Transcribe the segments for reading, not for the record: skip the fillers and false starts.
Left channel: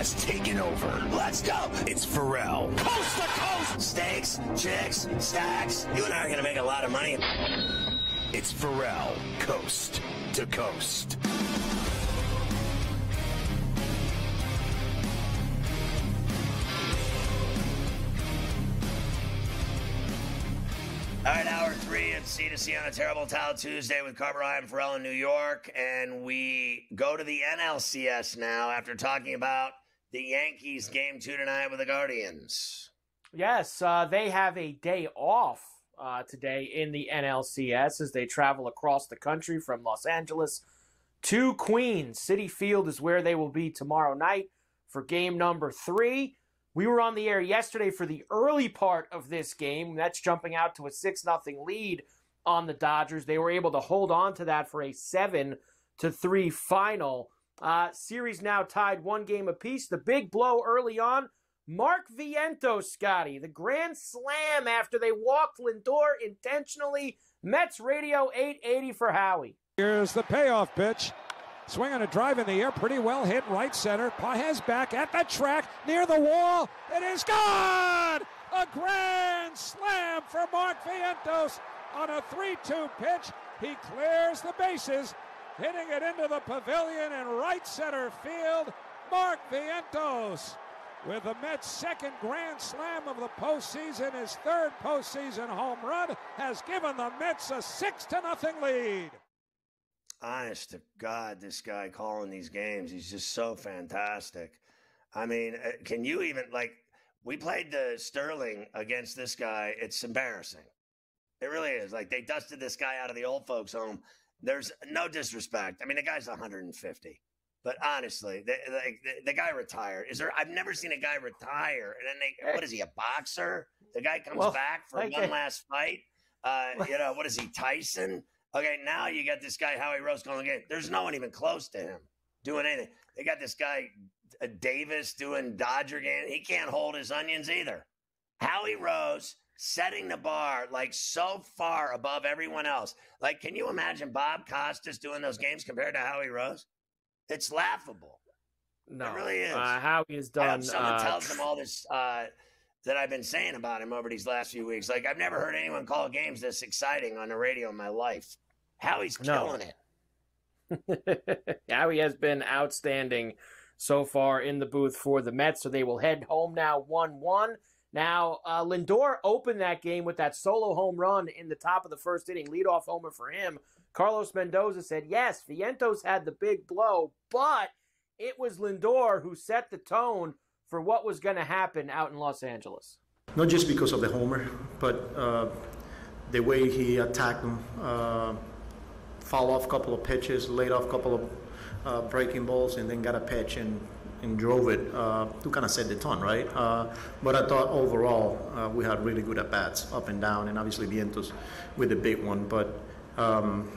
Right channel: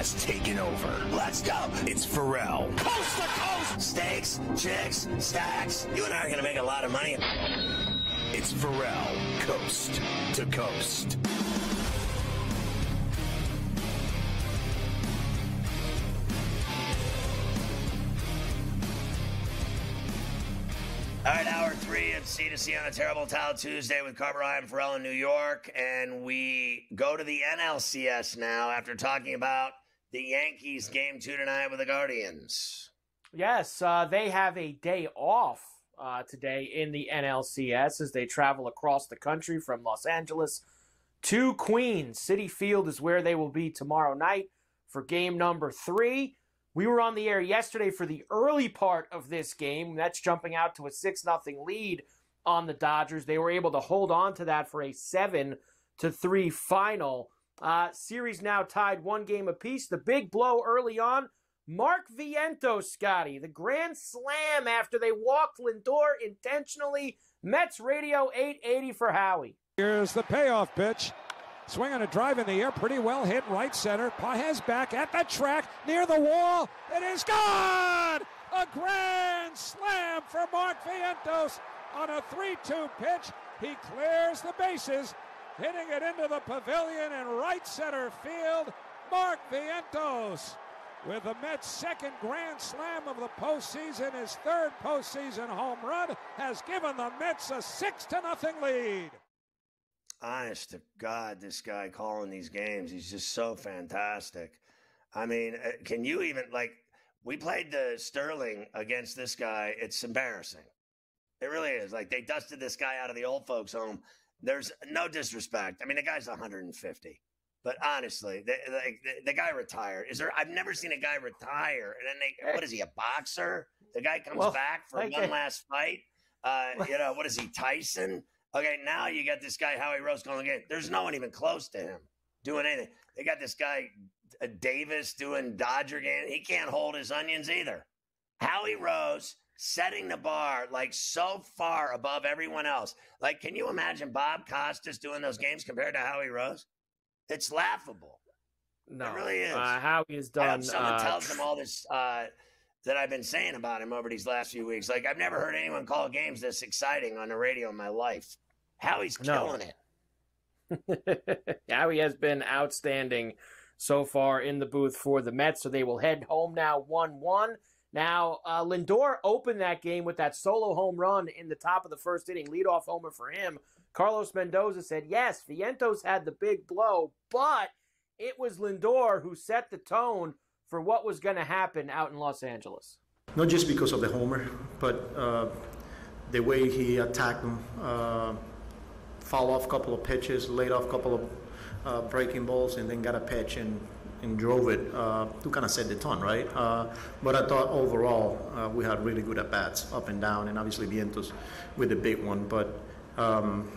has taken over. Let's go. It's Ferrall. Coast to coast. Steaks, chicks, stacks. You and I are going to make a lot of money. It's Ferrall, coast to coast. All right, hour 3 at C2C on a Terrible Towel Tuesday with Carver High and Ferrall in New York. And we go to the NLCS now after talking about the Yankees game 2 tonight with the Guardians. Yes, they have a day off today in the NLCS as they travel across the country from Los Angeles to Queens. Citi Field is where they will be tomorrow night for game number 3. We were on the air yesterday for the early part of this game. That's jumping out to a 6-0 lead on the Dodgers. They were able to hold on to that for a 7-3 final. Series now tied 1 game apiece. The big blow early on, Mark Vientos, Scotty, the grand slam after they walked Lindor intentionally. Mets radio 880 for Howie. Here's the payoff pitch. Swing on a drive in the air, pretty well hit, right center. Pages back at the track, near the wall. It is gone! A grand slam for Mark Vientos on a 3-2 pitch. He clears the bases, hitting it into the pavilion in right center field. Mark Vientos, with the Mets' second grand slam of the postseason, his third postseason home run, has given the Mets a 6-0 lead. Honest to God, this guy calling these games, he's just so fantastic. I mean, can you even, we played the Sterling against this guy. It's embarrassing. It really is. They dusted this guy out of the old folks' home. There's no disrespect. I mean, the guy's 150. But honestly, the guy retired. I've never seen a guy retire. And then what is he, a boxer? The guy comes back for one last fight. What is he, Tyson? Okay, now you got this guy, Howie Rose, going again. There's no one even close to him doing anything. They got this guy, Davis, doing Dodger game. He can't hold his onions either. Howie Rose setting the bar, so far above everyone else. Can you imagine Bob Costas doing those games compared to Howie Rose? It's laughable. No, it really is. Howie has done. Someone tells him all this that I've been saying about him over these last few weeks. I've never heard anyone call games this exciting on the radio in my life. Howie's killing it. Howie has been outstanding so far in the booth for the Mets, so they will head home now 1-1. Now, Lindor opened that game with that solo home run in the top of the first inning, leadoff homer for him. Carlos Mendoza said, yes, Vientos had the big blow, but it was Lindor who set the tone for what was going to happen out in Los Angeles. Not just because of the homer, but the way he attacked him, fouled off a couple of pitches, laid off a couple of breaking balls, and then got a pitch and drove it to kind of set the tone, right? But I thought overall we had really good at-bats up and down, and obviously Vientos with the big one. But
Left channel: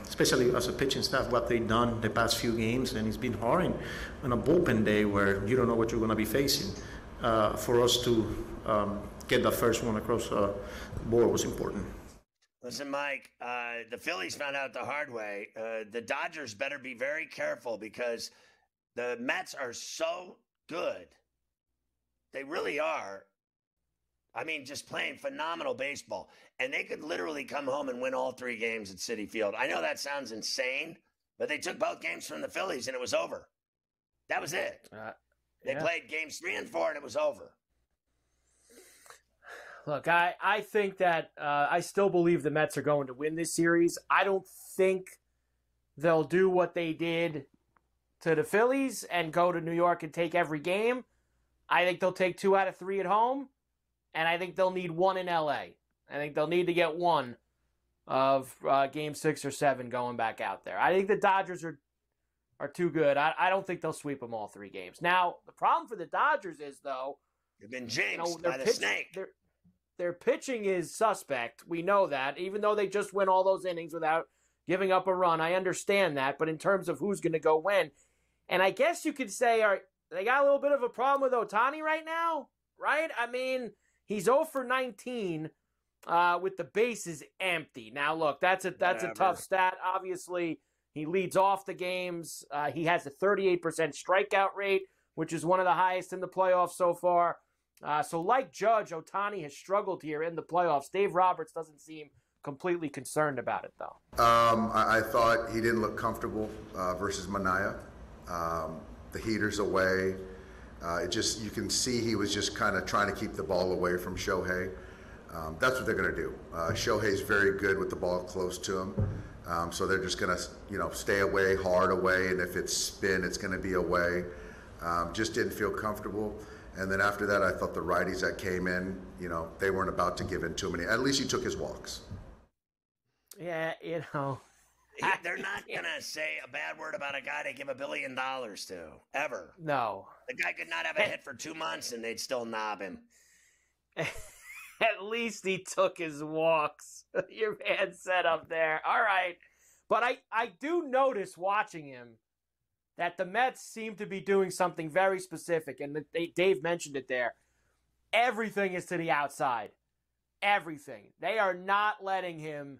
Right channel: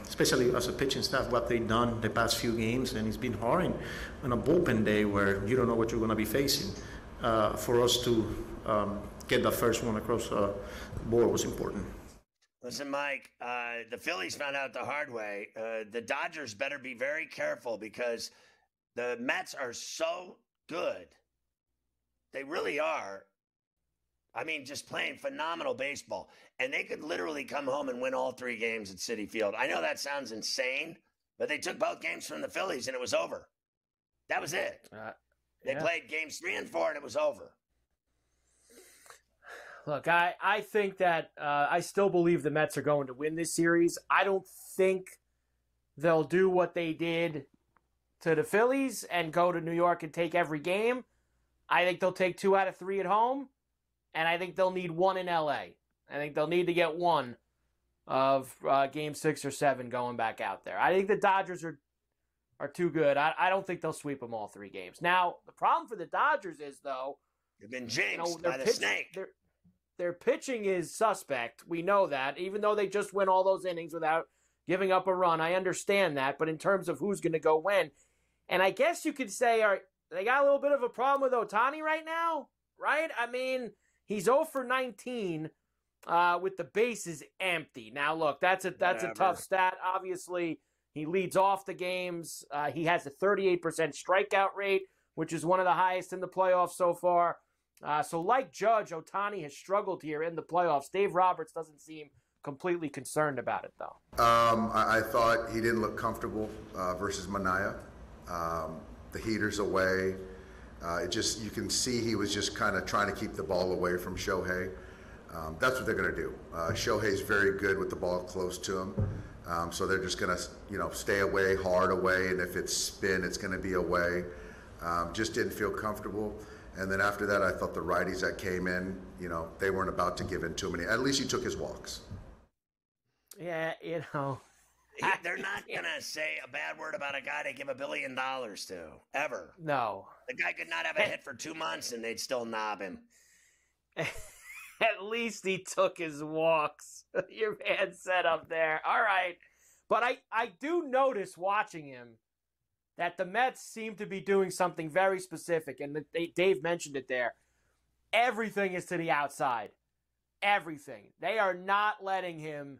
especially as a pitching staff, what they've done the past few games, and it's been hard on a bullpen day where you don't know what you're going to be facing. For us to get the first one across the board was important. Listen, Mike, the Phillies found out the hard way. The Dodgers better be very careful because the Mets are so good. They really are. I mean, just playing phenomenal baseball. And they could literally come home and win all 3 games at Citi Field. I know that sounds insane, but they took both games from the Phillies and it was over. That was it. They played games 3 and 4 and it was over. Look, I think that I still believe the Mets are going to win this series. I don't think they'll do what they did to the Phillies and go to New York and take every game. I think they'll take 2 out of 3 at home, and I think they'll need 1 in L.A. I think they'll need to get 1 of Game 6 or 7 going back out there. I think the Dodgers are too good. I don't think they'll sweep them all 3 games. Now, the problem for the Dodgers is, though, they've been jinxed by the snake. Their pitching is suspect. We know that, even though they just win all those innings without giving up a run. I understand that, but in terms of who's going to go when, and I guess you could say they got a little bit of a problem with Ohtani right now, right? I mean, he's 0 for 19 with the bases empty. Now, look, that's a tough stat. Obviously, he leads off the games. He has a 38% strikeout rate, which is one of the highest in the playoffs so far. So like Judge, Ohtani has struggled here in the playoffs. Dave Roberts doesn't seem completely concerned about it, though. I thought he didn't look comfortable versus Manaea. The heater's away. You can see he was just kind of trying to keep the ball away from Shohei. That's what they're going to do. Shohei's very good with the ball close to him. So they're just going to, stay away, hard away, and if it's spin, it's going to be away. Just didn't feel comfortable. And then after that, I thought the righties that came in, they weren't about to give in too many. At least he took his walks. Yeah, They're not going to say a bad word about a guy they give $1 billion to, ever. No. The guy could not have a hit for 2 months, and they'd still knob him. At least he took his walks. Your man said up there. All right. But I do notice watching him that the Mets seem to be doing something very specific, and Dave mentioned it there. Everything is to the outside. Everything. They are not letting him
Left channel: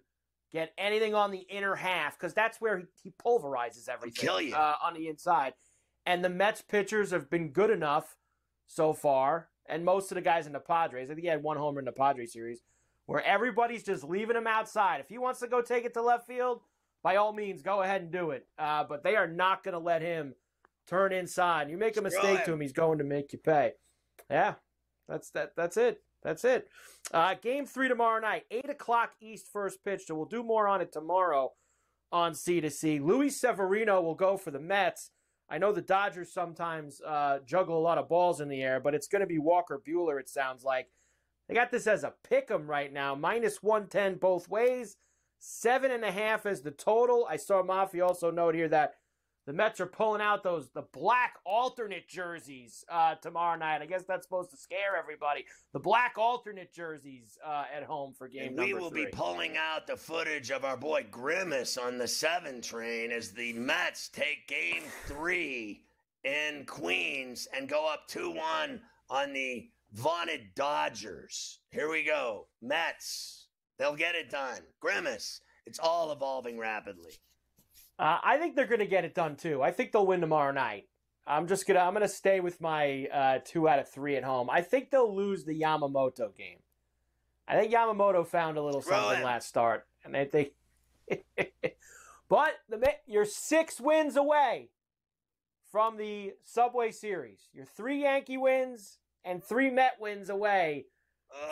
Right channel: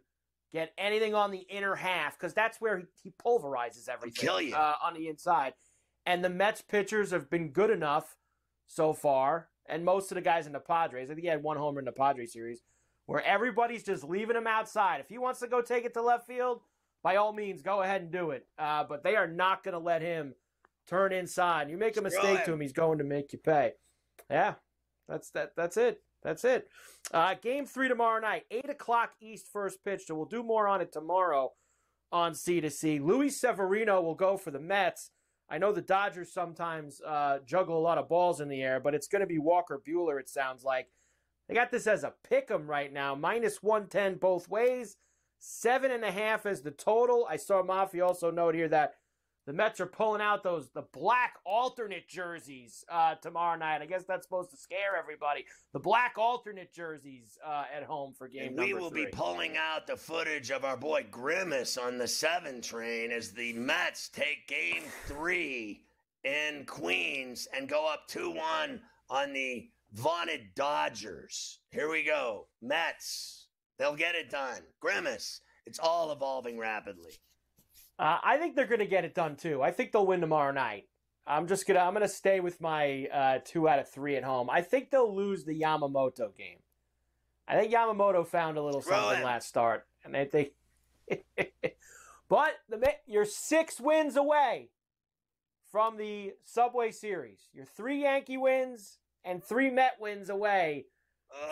get anything on the inner half, because that's where he pulverizes everything on the inside. And the Mets pitchers have been good enough so far, and most of the guys in the Padres, I think he had 1 homer in the Padres series, where everybody's just leaving him outside. If he wants to go take it to left field, by all means, go ahead and do it. But they are not going to let him turn inside. You make a mistake to him, he's going to make you pay. Yeah, that's it. That's it. Game 3 tomorrow night, 8 o'clock East first pitch, so we'll do more on it tomorrow on C2C. Luis Severino will go for the Mets. I know the Dodgers sometimes juggle a lot of balls in the air, but it's going to be Walker Buehler, it sounds like. They got this as a pick'em right now, -110 both ways, 7.5 as the total. I saw Mafi also note here that the Mets are pulling out the black alternate jerseys tomorrow night. I guess that's supposed to scare everybody. The black alternate jerseys at home for game number 3. We will be pulling out the footage of our boy Grimace on the 7 train as the Mets take game 3 in Queens and go up 2-1 on the vaunted Dodgers. Here we go. Mets. They'll get it done. Grimace. It's all evolving rapidly. I think they're going to get it done, too. I think they'll win tomorrow night. I'm going to stay with my 2 out of 3 at home. I think they'll lose the Yamamoto game. I think Yamamoto found a little something last start. And I think but you're 6 wins away from the Subway Series. You're 3 Yankee wins and 3 Met wins away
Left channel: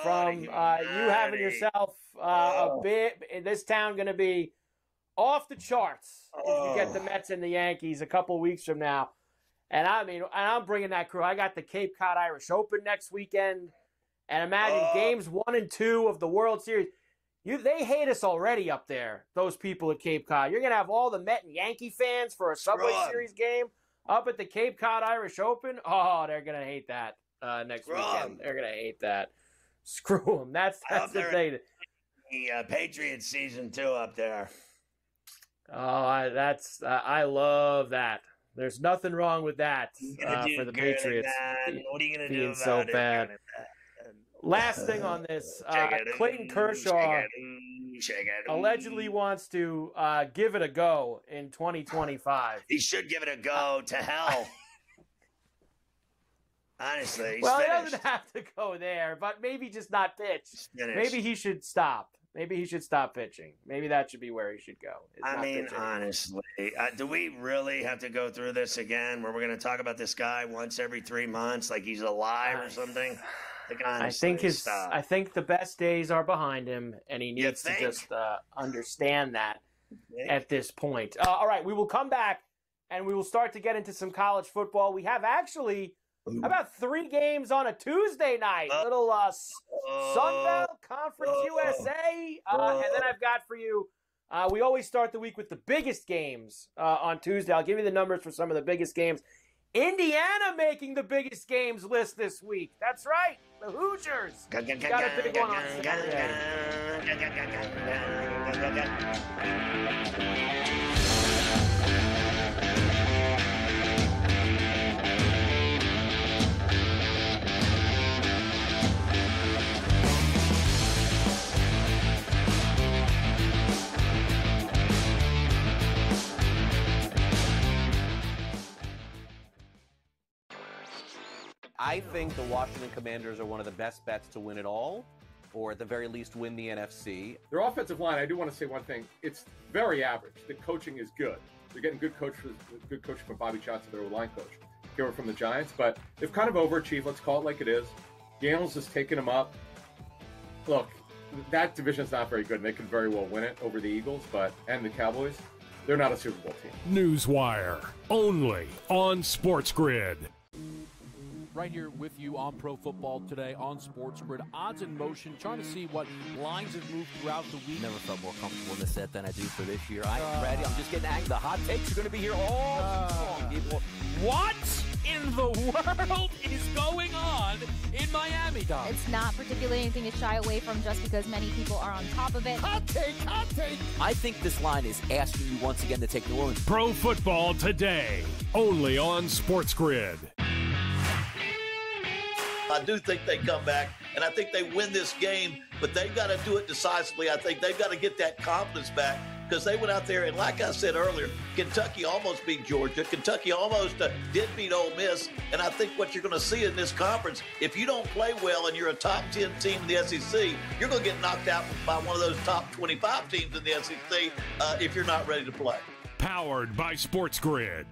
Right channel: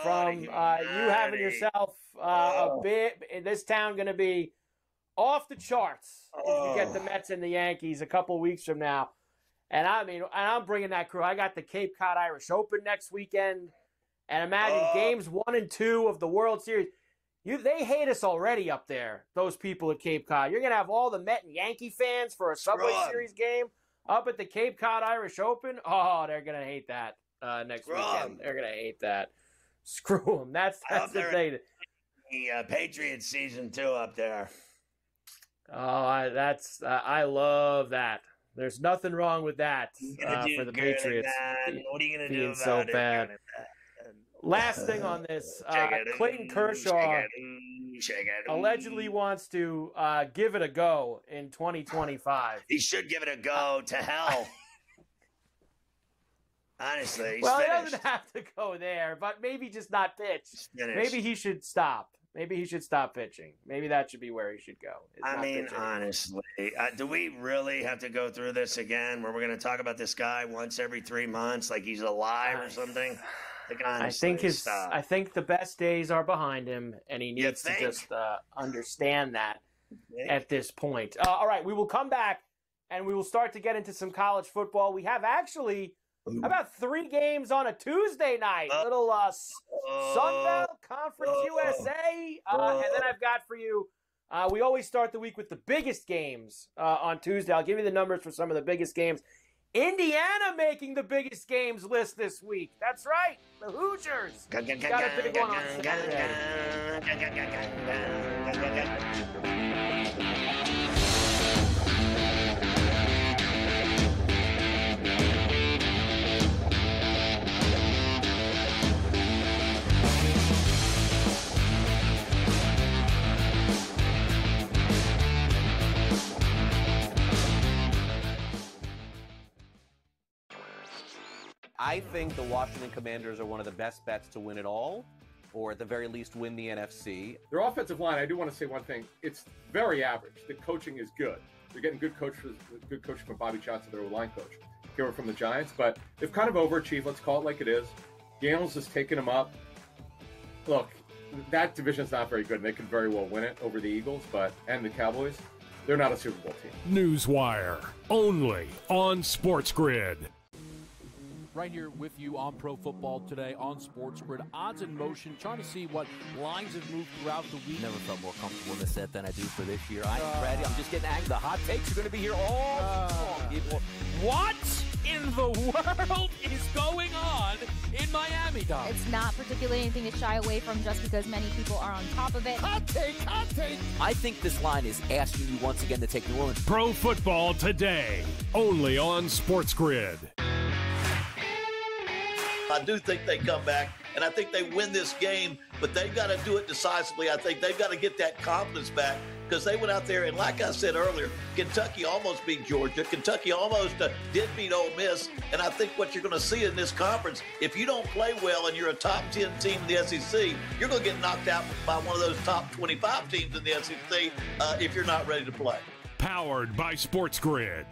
from you having yourself a bit. This town going to be off the charts if you get the Mets and the Yankees a couple weeks from now. And I'm bringing that crew. I got the Cape Cod Irish Open next weekend. And imagine games 1 and 2 of the World Series. They hate us already up there, those people at Cape Cod. You're going to have all the Met and Yankee fans for a Subway Series game up at the Cape Cod Irish Open. Oh, they're going to hate that next weekend. They're going to hate that. Screw them. That's the thing. The Patriots season 2 up there. Oh, I love that. There's nothing wrong with that for the Patriots. What are you going to do being about so it? bad? Last thing on this, Clayton Kershaw allegedly wants to give it a go in 2025. He should give it a go to hell. Honestly, he doesn't have to go there, but maybe just not pitch. Maybe he should stop. Maybe he should stop pitching. Maybe that should be where he should go. Honestly, do we really have to go through this again where we're going to talk about this guy once every 3 months like he's alive or something? Honestly, I think the best days are behind him, and he needs to just understand that at this point. All right, we will come back, and we will start to get into some college football. We have actually about 3 games on a Tuesday night. Little Sun Belt Conference USA. And then I've got for you, we always start the week with the biggest games on Tuesday. I'll give you the numbers for some of the biggest games. Indiana making the biggest games list this week. That's right. The Hoosiers got a big one on Saturday. I think the Washington Commanders are one of the best bets to win it all, or at the very least win the NFC. Their offensive line, I do want to say one thing. It's very average. The coaching is good. They're getting good coaching from Bobby Johnson, their line coach, here from the Giants. But they've kind of overachieved. Let's call it like it is. Daniels has taken them up. Look, that division's not very good. They could very well win it over the Eagles, and the Cowboys. They're not a Super Bowl team. Newswire, only on SportsGrid. Right here with you on Pro Football Today on SportsGrid. Odds in motion, trying to see what lines have moved throughout the week. Never felt more comfortable in this set than I do for this year. I am ready. I'm just getting angry. The hot takes are going to be here all long, people. What in the world is going on in Miami, Dom? It's not particularly anything to shy away from just because many people are on top of it. Hot take, hot take. I think this line is asking you once again to take the room. Pro Football Today, only on SportsGrid. I do think they come back, and I think they win this game, but they've got to do it decisively. I think they've got to get that confidence back because they went out there, and like I said earlier, Kentucky almost beat Georgia. Kentucky almost did beat Ole Miss, and I think what you're going to see in this conference, if you don't play well and you're a top 10 team in the SEC, you're going to get knocked out by one of those top 25 teams in the SEC if you're not ready to play. Powered by SportsGrid.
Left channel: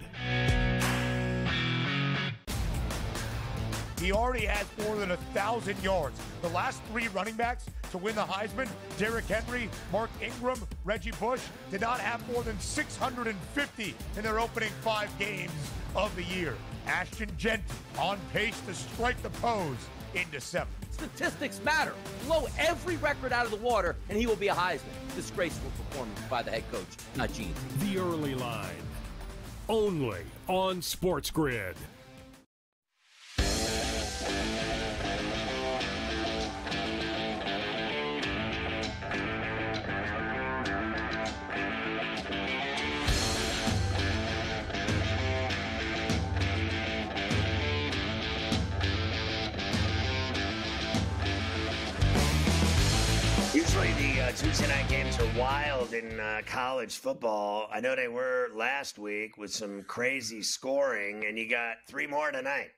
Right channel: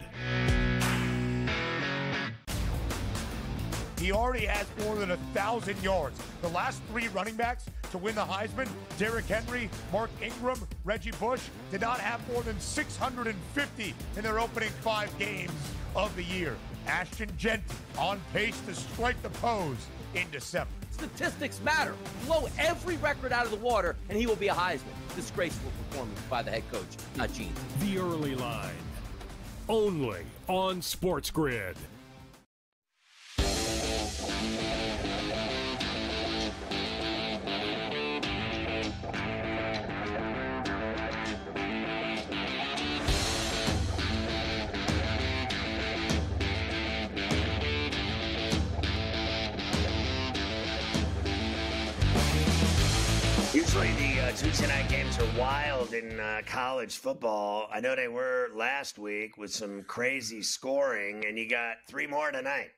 He already has more than 1,000 yards. The last three running backs to win the Heisman, Derrick Henry, Mark Ingram, Reggie Bush, did not have more than 650 in their opening 5 games of the year. Ashton Jeanty on pace to strike the pose in December. Statistics matter. Blow every record out of the water, and he will be a Heisman. Disgraceful performance by the head coach, not Gene. The early line, only on SportsGrid. Usually the Tuesday night games are wild in college football. I know they were last week with some crazy scoring, and you got 3 more tonight.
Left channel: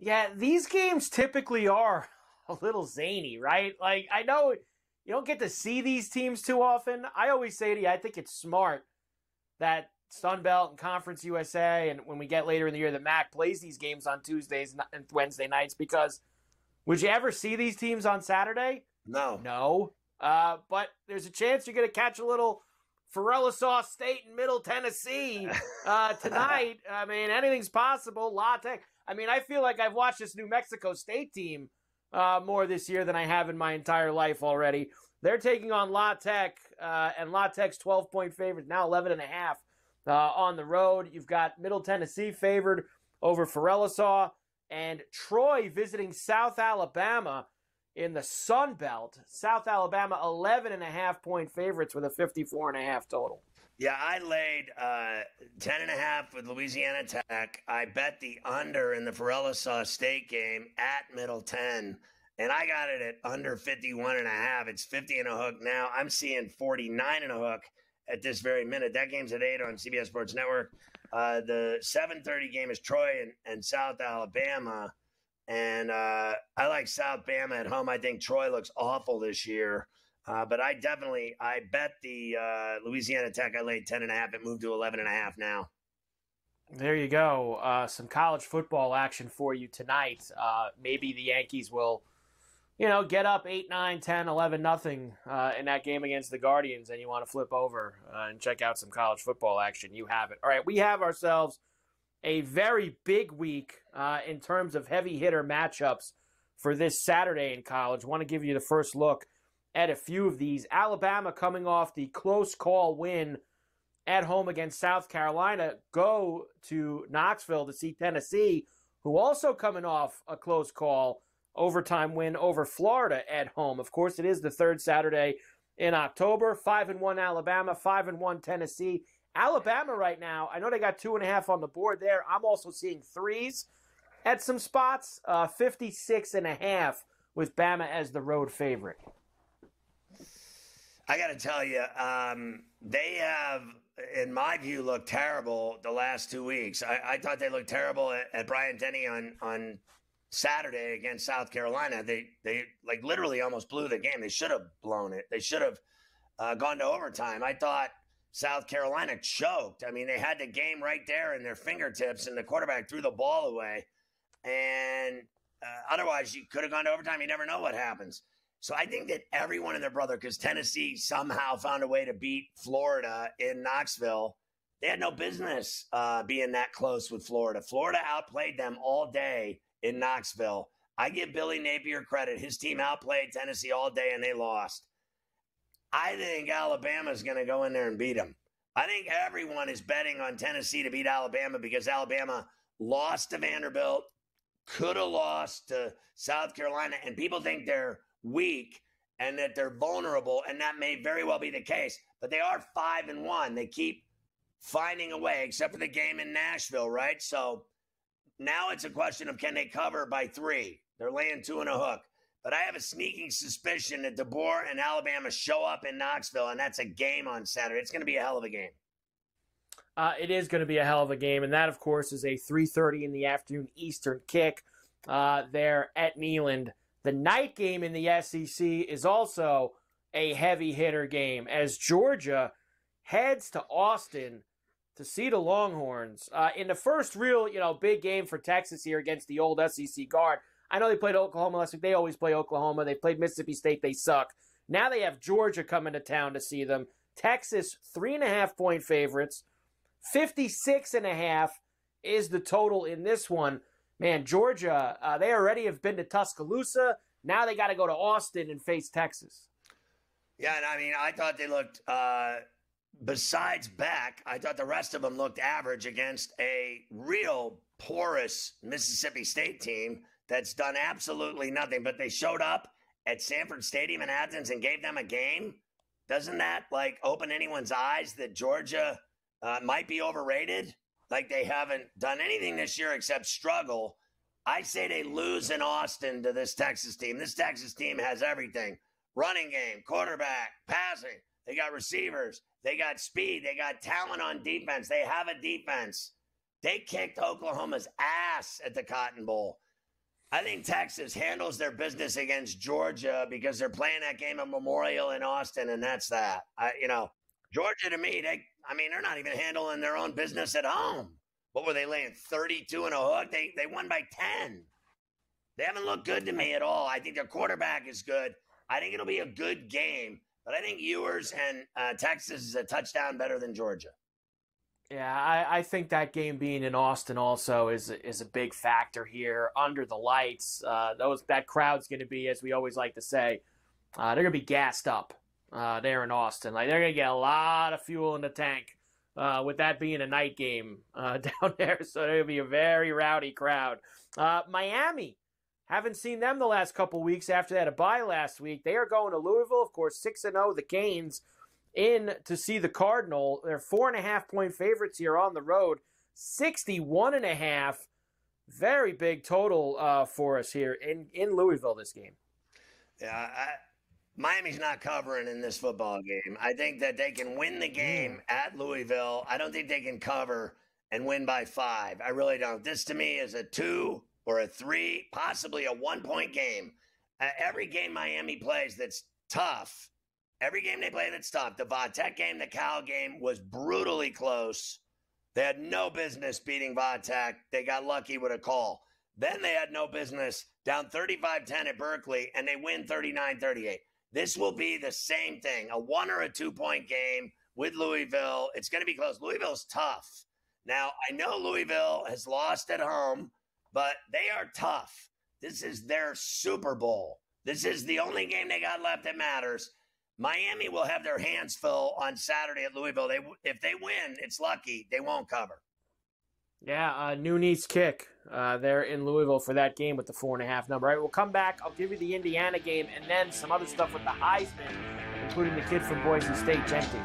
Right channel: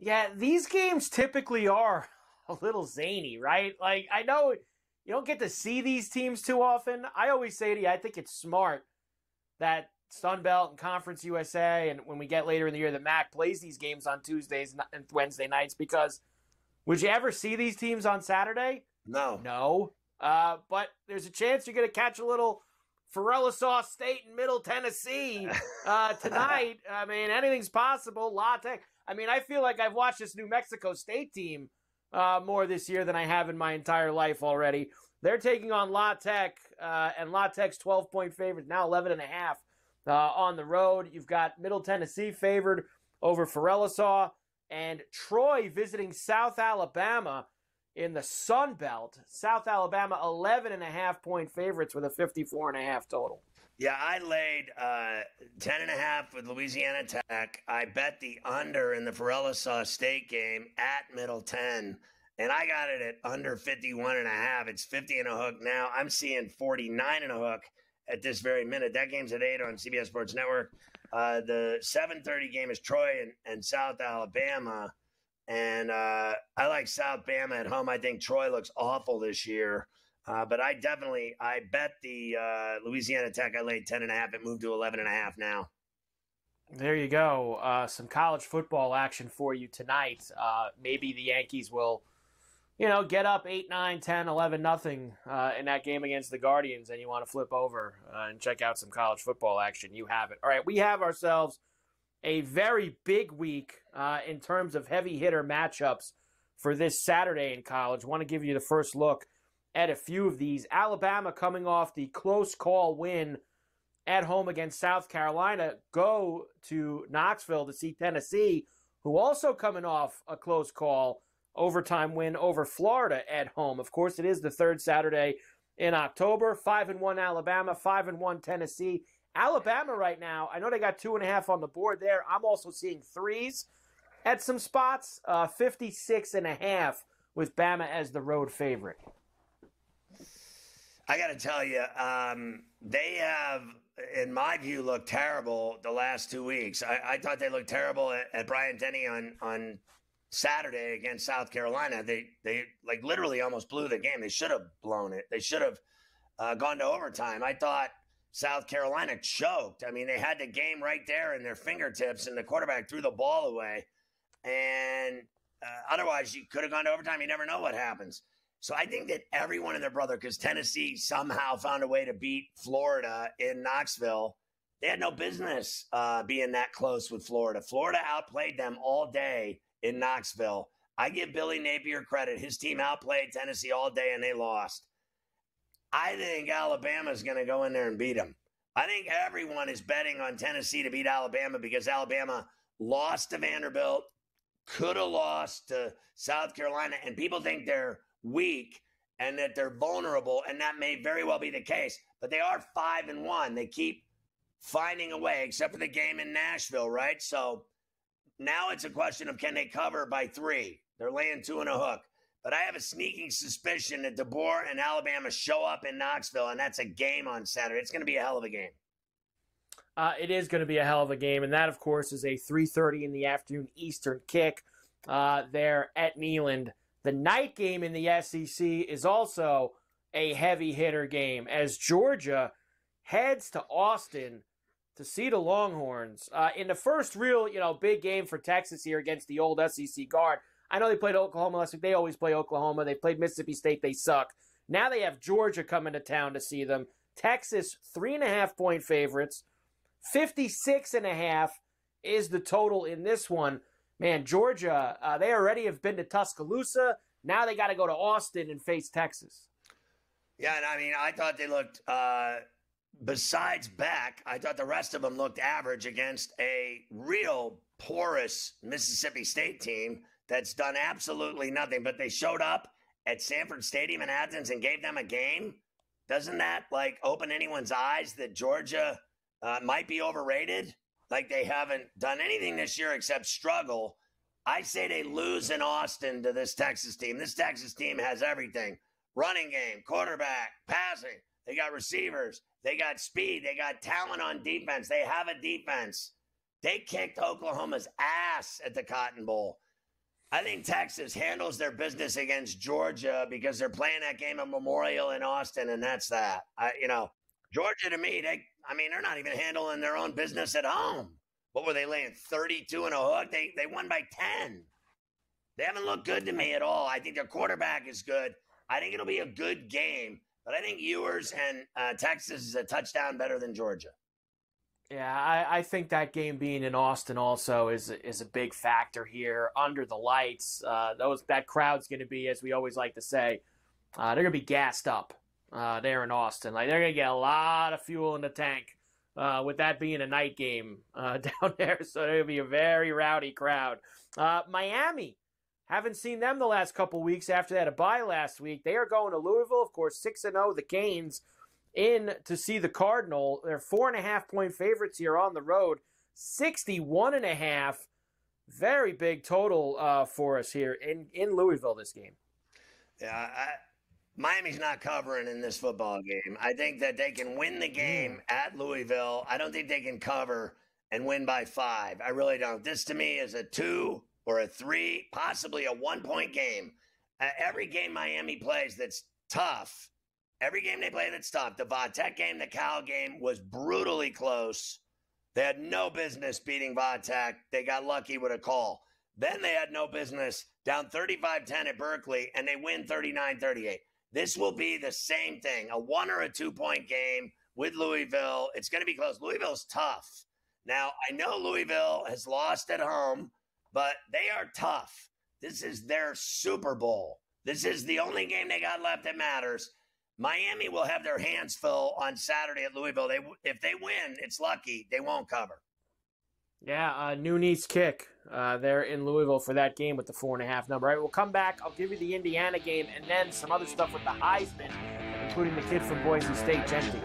Yeah, these games typically are a little zany, right? Like, I know you don't get to see these teams too often. I always say to you, I think it's smart that Sun Belt and Conference USA, and when we get later in the year, the MAC plays these games on Tuesdays and Wednesday nights, because would you ever see these teams on Saturday? No. But there's a chance you're going to catch a little Ferrall State in Middle Tennessee tonight. I mean, anything's possible. La Tech. I mean, I feel like I've watched this New Mexico State team more this year than I have in my entire life already. They're taking on La Tech, and La Tech's 12-point favorite, now 11.5 on the road. You've got Middle Tennessee favored over Ferrall, and Troy visiting South Alabama in the Sun Belt. South Alabama, 11.5-point favorites with a 54.5 total. Yeah, I laid 10.5 with Louisiana Tech. I bet the under in the Ferrall State game at Middle 10, and I got it at under 51.5. It's 50 and a hook now. I'm seeing 49 and a hook at this very minute. That game's at 8 on CBS Sports Network. The 7:30 game is Troy and South Alabama. And I like South Bama at home. I think Troy looks awful this year. But I bet the Louisiana Tech. I laid 10.5. It moved to 11.5 now. There you go. Some college football action for you tonight. Maybe the Yankees will, get up 8, 9, 10, 11, nothing in that game against the Guardians, and you want to flip over and check out some college football action. You have it. All right, we have ourselves a very big week in terms of heavy hitter matchups for this Saturday in college. I want to give you the first look at a few of these. Alabama coming off the close call win at home against South Carolina, go to Knoxville to see Tennessee, who also coming off a close call overtime win over Florida at home. Of course, it is the third Saturday in October. 5-1 Alabama, 5-1 Tennessee. Alabama right now, I know they got 2.5 on the board there. I'm also seeing 3s at some spots. 56.5 with Bama as the road favorite. I got to tell you, they have in my view, looked terrible the last 2 weeks. I thought they looked terrible at Bryant-Denny on Saturday against South Carolina. They like literally almost blew the game. They should have blown it. They should have gone to overtime. I thought South Carolina choked. I mean, they had the game right there in their fingertips, and the quarterback threw the ball away. And otherwise, you could have gone to overtime. You never know what happens. So I think that everyone and their brother, because Tennessee somehow found a way to beat Florida in Knoxville, they had no business being that close with Florida. Florida outplayed them all day in Knoxville. I give Billy Napier credit. His team outplayed Tennessee all day, and they lost. I think Alabama's going to go in there and beat them. I think everyone is betting on Tennessee to beat Alabama because Alabama lost to Vanderbilt, could have lost to South Carolina, and people think they're weak and that they're vulnerable, and that may very well be the case. But they are 5-1. They keep finding a way, except for the game in Nashville, right? So now it's a question of can they cover by 3? They're laying 2 and a hook. But I have a sneaking suspicion that DeBoer and Alabama show up in Knoxville, and that's a game on Saturday. It's going to be a hell of a game. It is going to be a hell of a game, and that, of course, is a 3:30 in the afternoon Eastern kick there at Neyland. The night game in the SEC is also a heavy hitter game as Georgia heads to Austin to see the Longhorns in the first real, big game for Texas here against the old SEC guard. I know they played Oklahoma last week. They always play Oklahoma. They played Mississippi State. They suck. Now they have Georgia coming to town to see them. Texas, 3.5-point favorites. 56.5 is the total in this one. Man, Georgia, they already have been to Tuscaloosa. Now they got to go to Austin and face Texas. Yeah, and I mean, I thought they looked, besides Beck, I thought the rest of them looked average against a real porous Mississippi State team that's done absolutely nothing. But they showed up at Sanford Stadium in Athens and gave them a game. Doesn't that, open anyone's eyes that Georgia might be overrated? Like they haven't done anything this year except struggle. I say they lose in Austin to this Texas team. This Texas team has everything. Running game, quarterback, passing. They got receivers. They got speed. They got talent on defense. They have a defense. They kicked Oklahoma's ass at the Cotton Bowl. I think Texas handles their business against Georgia because they're playing that game at Memorial in Austin, and that's that. Georgia, to me, they're not even handling their own business at home. What were they laying, 32 and a hook? They won by 10. They haven't looked good to me at all. I think their quarterback is good. I think it'll be a good game, but I think Ewers and Texas is a touchdown better than Georgia. Yeah, I think that game being in Austin also is a big factor here. Under the lights, that crowd's going to be, as we always like to say, they're going to be gassed up there in Austin. They're going to get a lot of fuel in the tank with that being a night game down there. So they're going to be a very rowdy crowd. Miami, haven't seen them the last couple weeks after they had a bye last week. They are going to Louisville, of course, 6-0, the Canes, in to see the Cardinal. They're 4.5-point favorites here on the road. 61.5. Very big total for us here in Louisville this game. Yeah, Miami's not covering in this football game. I think that they can win the game at Louisville. I don't think they can cover and win by 5. I really don't. This to me is a 2 or a 3, possibly a 1-point game. Every game Miami plays that's tough, every game they play that's tough, the Va-Tech game, the Cal game was brutally close. They had no business beating Va-Tech. They got lucky with a call. Then they had no business down 35-10 at Berkeley, and they win 39-38. This will be the same thing, a 1 or a 2-point game with Louisville. It's going to be close. Louisville's tough. Now, I know Louisville has lost at home, but they are tough. This is their Super Bowl. This is the only game they got left that matters. Miami will have their hands full on Saturday at Louisville. If they win, it's lucky. They won't cover. Yeah, Nooney's kick there in Louisville for that game with the 4.5 number. All right, we'll come back. I'll give you the Indiana game and then some other stuff with the Heisman, including the kid from Boise State, Gentry.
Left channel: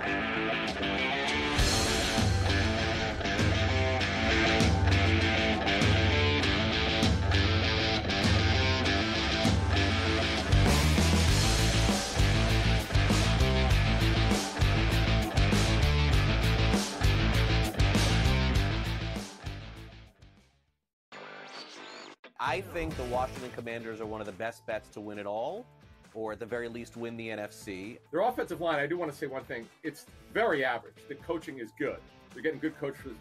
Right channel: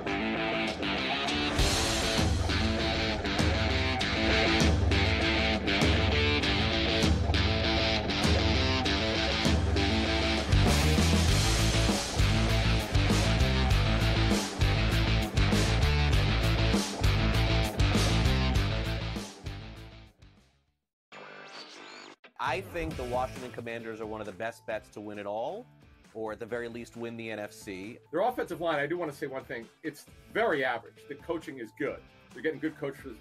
I think the Washington Commanders are one of the best bets to win it all, or at the very least win the NFC. Their offensive line, I do want to say one thing. It's very average. The coaching is good. They're getting good coaching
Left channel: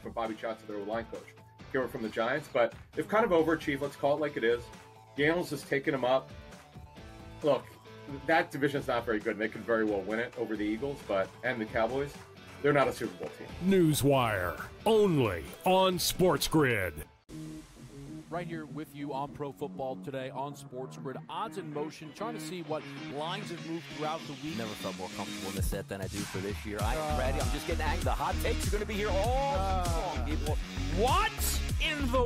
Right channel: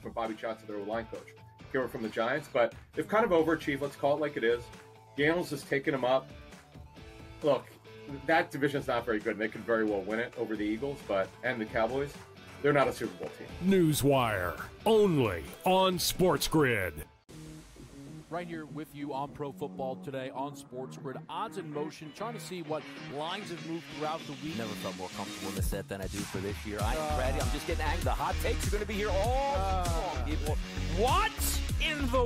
from Bobby Johnson, their line coach, here from the Giants. But they've kind of overachieved. Let's call it like it is. Daniels has taken them up. Look, that division's not very good. They could very well win it over the Eagles, and the Cowboys. They're not a Super Bowl team. Newswire, only on SportsGrid. Right here with you on Pro Football Today on SportsGrid. Odds in motion, trying to see what lines have moved throughout the week. Never felt more comfortable in this set than I do for this year. I'm just getting angry. The hot takes are going to be here all summer, people. What in the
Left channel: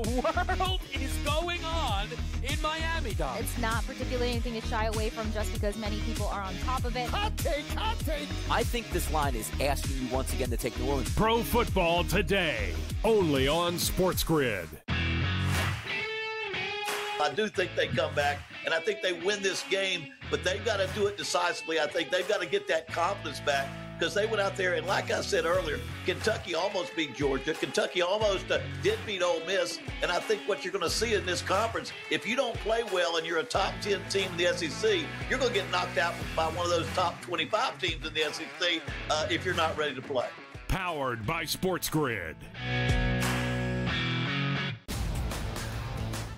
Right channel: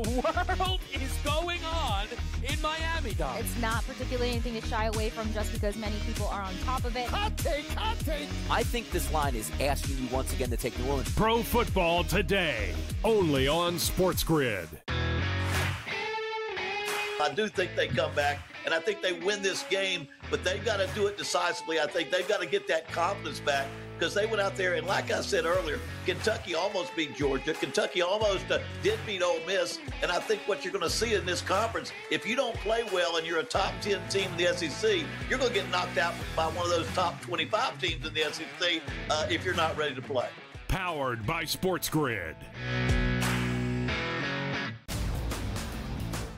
world is going on in Miami, Dom? It's not particularly anything to shy away from just because many people are on top of it. Hot take, hot take. I think this line is asking you once again to take New Orleans. Pro Football Today, only on SportsGrid. I do think they come back, and I think they win this game, but they've got to do it decisively. I think they've got to get that confidence back because they went out there, and like I said earlier, Kentucky almost beat Georgia. Kentucky almost did beat Ole Miss, and I think what you're going to see in this conference, if you don't play well and you're a top 10 team in the SEC, you're going to get knocked out by one of those top 25 teams in the SEC if you're not ready to play. Powered by SportsGrid.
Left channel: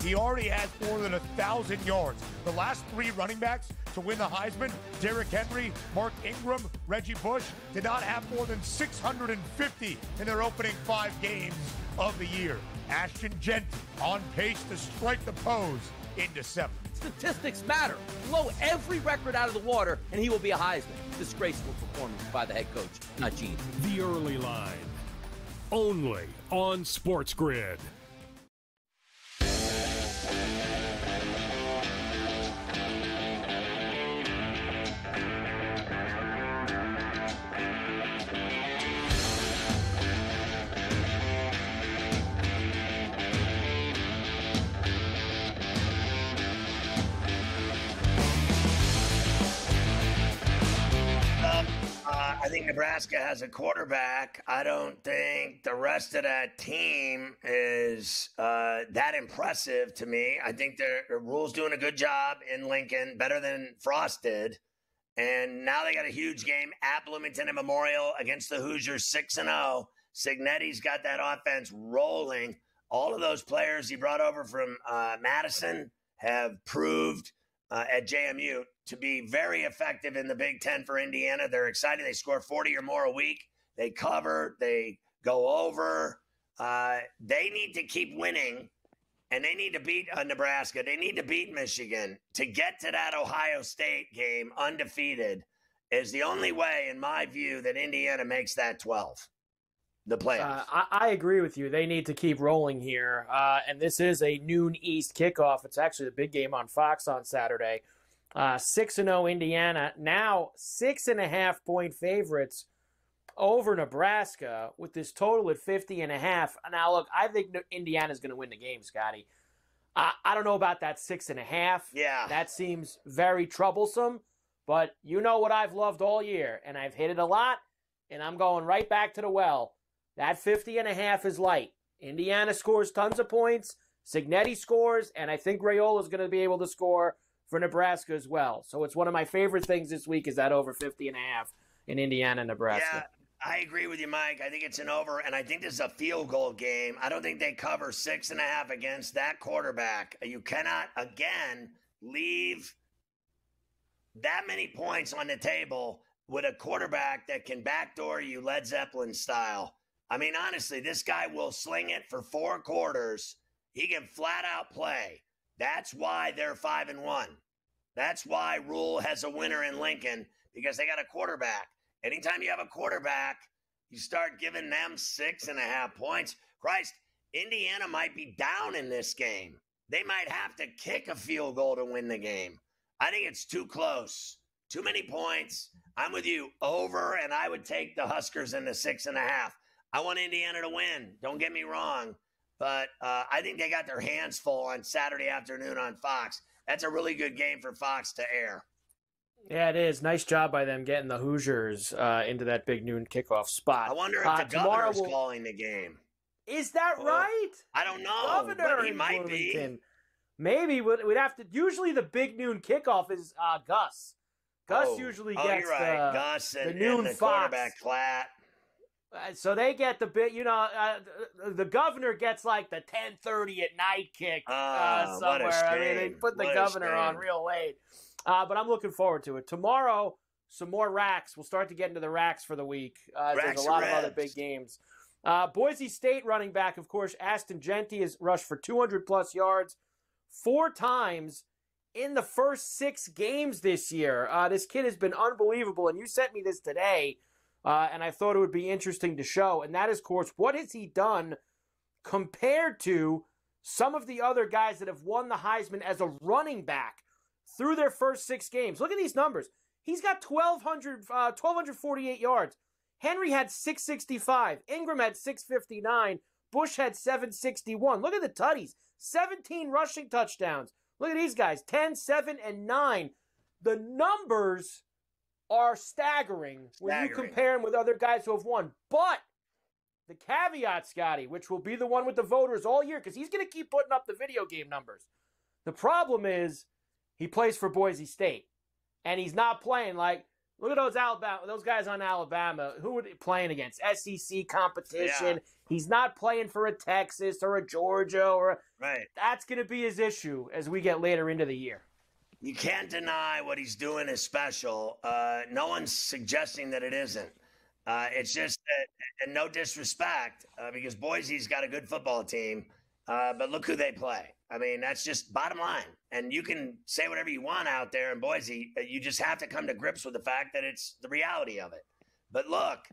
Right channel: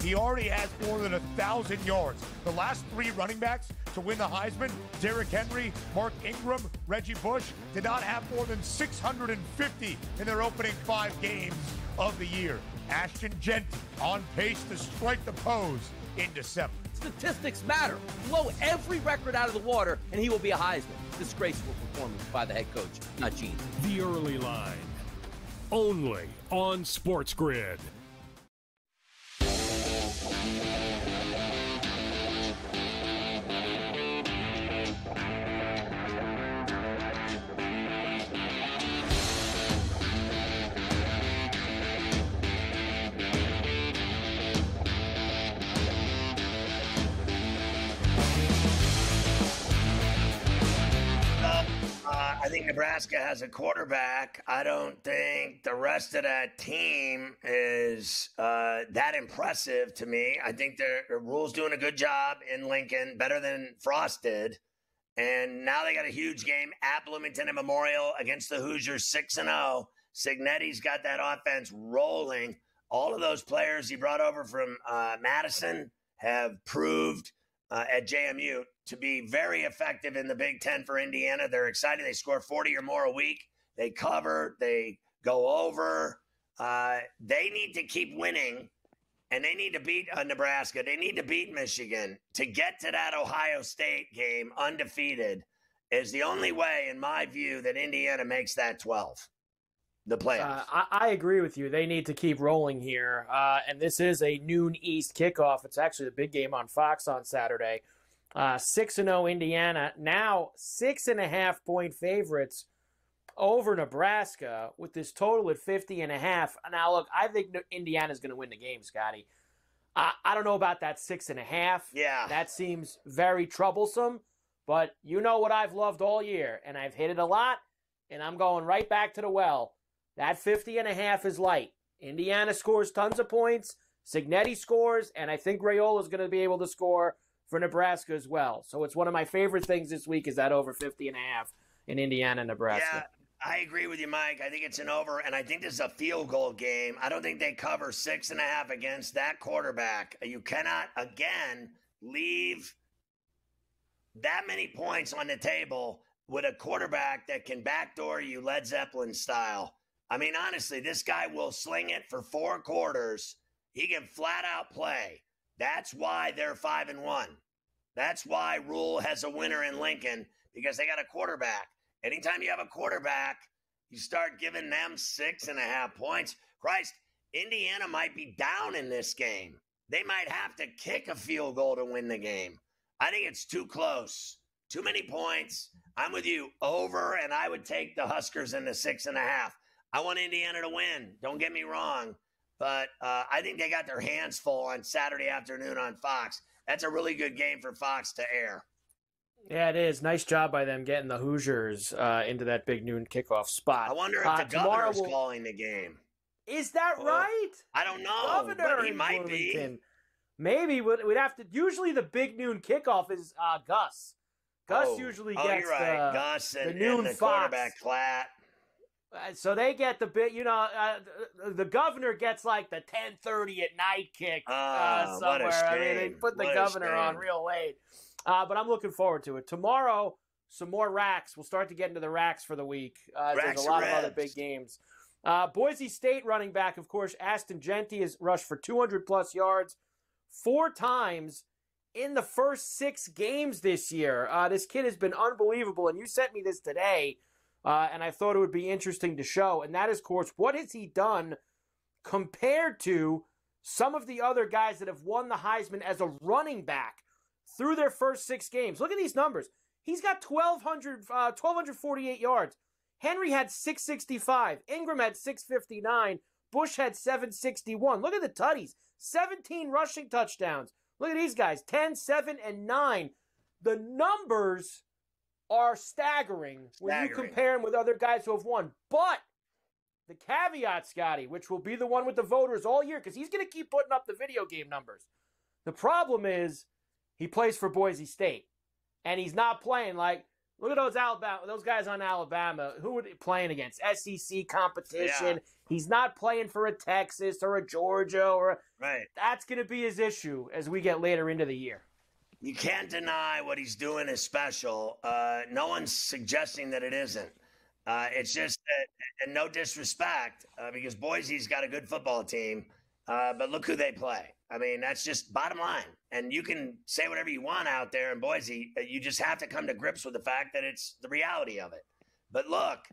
He already has more than 1,000 yards. The last three running backs to win the Heisman, Derrick Henry, Mark Ingram, Reggie Bush, did not have more than 650 in their opening 5 games of the year. Ashton Genty on pace to strike the pose in December. Statistics matter. Blow every record out of the water, and he will be a Heisman. Disgraceful performance by the head coach, not Gene. The early line, only on SportsGrid. I think Nebraska has a quarterback. I don't think the rest of that team is that impressive to me. I think the Rule's doing a good job in Lincoln, better than Frost did. And now they got a huge game at Bloomington and Memorial against the Hoosiers, 6-0. Signetti's got that offense rolling. All of those players he brought over from Madison have proved at JMU to be very effective in the Big Ten for Indiana. They're excited. They score 40 or more a week. They cover. They go over. They need to keep winning, and they need to beat Nebraska. They need to beat Michigan. To get to that Ohio State game undefeated is the only way, in my view, that Indiana makes that 12. The playoffs. I agree with you. They need to keep rolling here. And this is a noon East kickoff. It's actually the big game on Fox on Saturday. 6-0 Indiana. Now 6.5-point favorites over Nebraska with this total at 50.5. Now, look, I think Indiana's going to win the game, Scotty. I don't know about that 6.5. Yeah. That seems very troublesome. But you know what I've loved all year, and I've hit it a lot, and I'm going right back to the well. That 50.5 is light. Indiana scores tons of points. Signetti scores, and I think Raiola is going to be able to score for Nebraska as well. So it's one of my favorite things this week is that over 50.5 in Indiana, Nebraska. Yeah, I agree with you, Mike. I think it's an over, and I think this is a field goal game. I don't think they cover 6.5 against that quarterback. You cannot, again, leave that many points on the table with a quarterback that can backdoor you Led Zeppelin style. I mean, honestly, this guy will sling it for 4 quarters. He can flat out play. That's why they're 5-1. That's why Rule has a winner in Lincoln, because they got a quarterback. Anytime you have a quarterback, you start giving them 6.5 points. Christ, Indiana might be down in this game. They might have to kick a field goal to win the game. I think it's too close. Too many points. I'm with you. Over, and I would take the Huskers in the 6.5. I want Indiana to win. Don't get me wrong. But I think they got their hands full on Saturday afternoon on Fox. That's a really good game for Fox to air. Yeah, it is. Nice job by them getting the Hoosiers into that big noon kickoff spot. I wonder if the governor's calling the game. Is that right? I don't know. Governor But he in might Bloomington. be. Maybe we'd have to. Usually the big noon kickoff is Gus. Gus usually gets you're right. Gus the and noon the Fox. quarterback flat. So they get the bit, the governor gets like the 10:30 at night kick somewhere. I mean, they put the governor on real late. But I'm looking forward to it. Tomorrow, some more racks. We'll start to get into the racks for the week. There's a lot of other big games. Boise State running back, of course, Ashton Jeanty has rushed for 200-plus yards 4 times in the first 6 games this year. This kid has been unbelievable, and you sent me this today. And I thought it would be interesting to show. And that is, of course, what has he done compared to some of the other guys that have won the Heisman as a running back through their first 6 games? Look at these numbers. He's got 1,248 yards. Henry had 665. Ingram had 659. Bush had 761. Look at the tutties. 17 rushing touchdowns. Look at these guys. 10, 7, and 9. The numbers are staggering when you compare him with other guys who have won. But the caveat, Scotty, which will be the one with the voters all year, because he's going to keep putting up the video game numbers. The problem is he plays for Boise State, and he's not playing like, look at those guys on Alabama. Who are they playing against? SEC competition. Yeah. He's not playing for a Texas or a Georgia That's going to be his issue as we get later into the year. You can't deny what he's doing is special. No one's suggesting that it isn't. It's just that, and no disrespect, because Boise's got a good football team, but look who they play. I mean, that's just bottom line. And you can say whatever you want out there in Boise. You just have to come to grips with the fact that it's the reality of it. But look,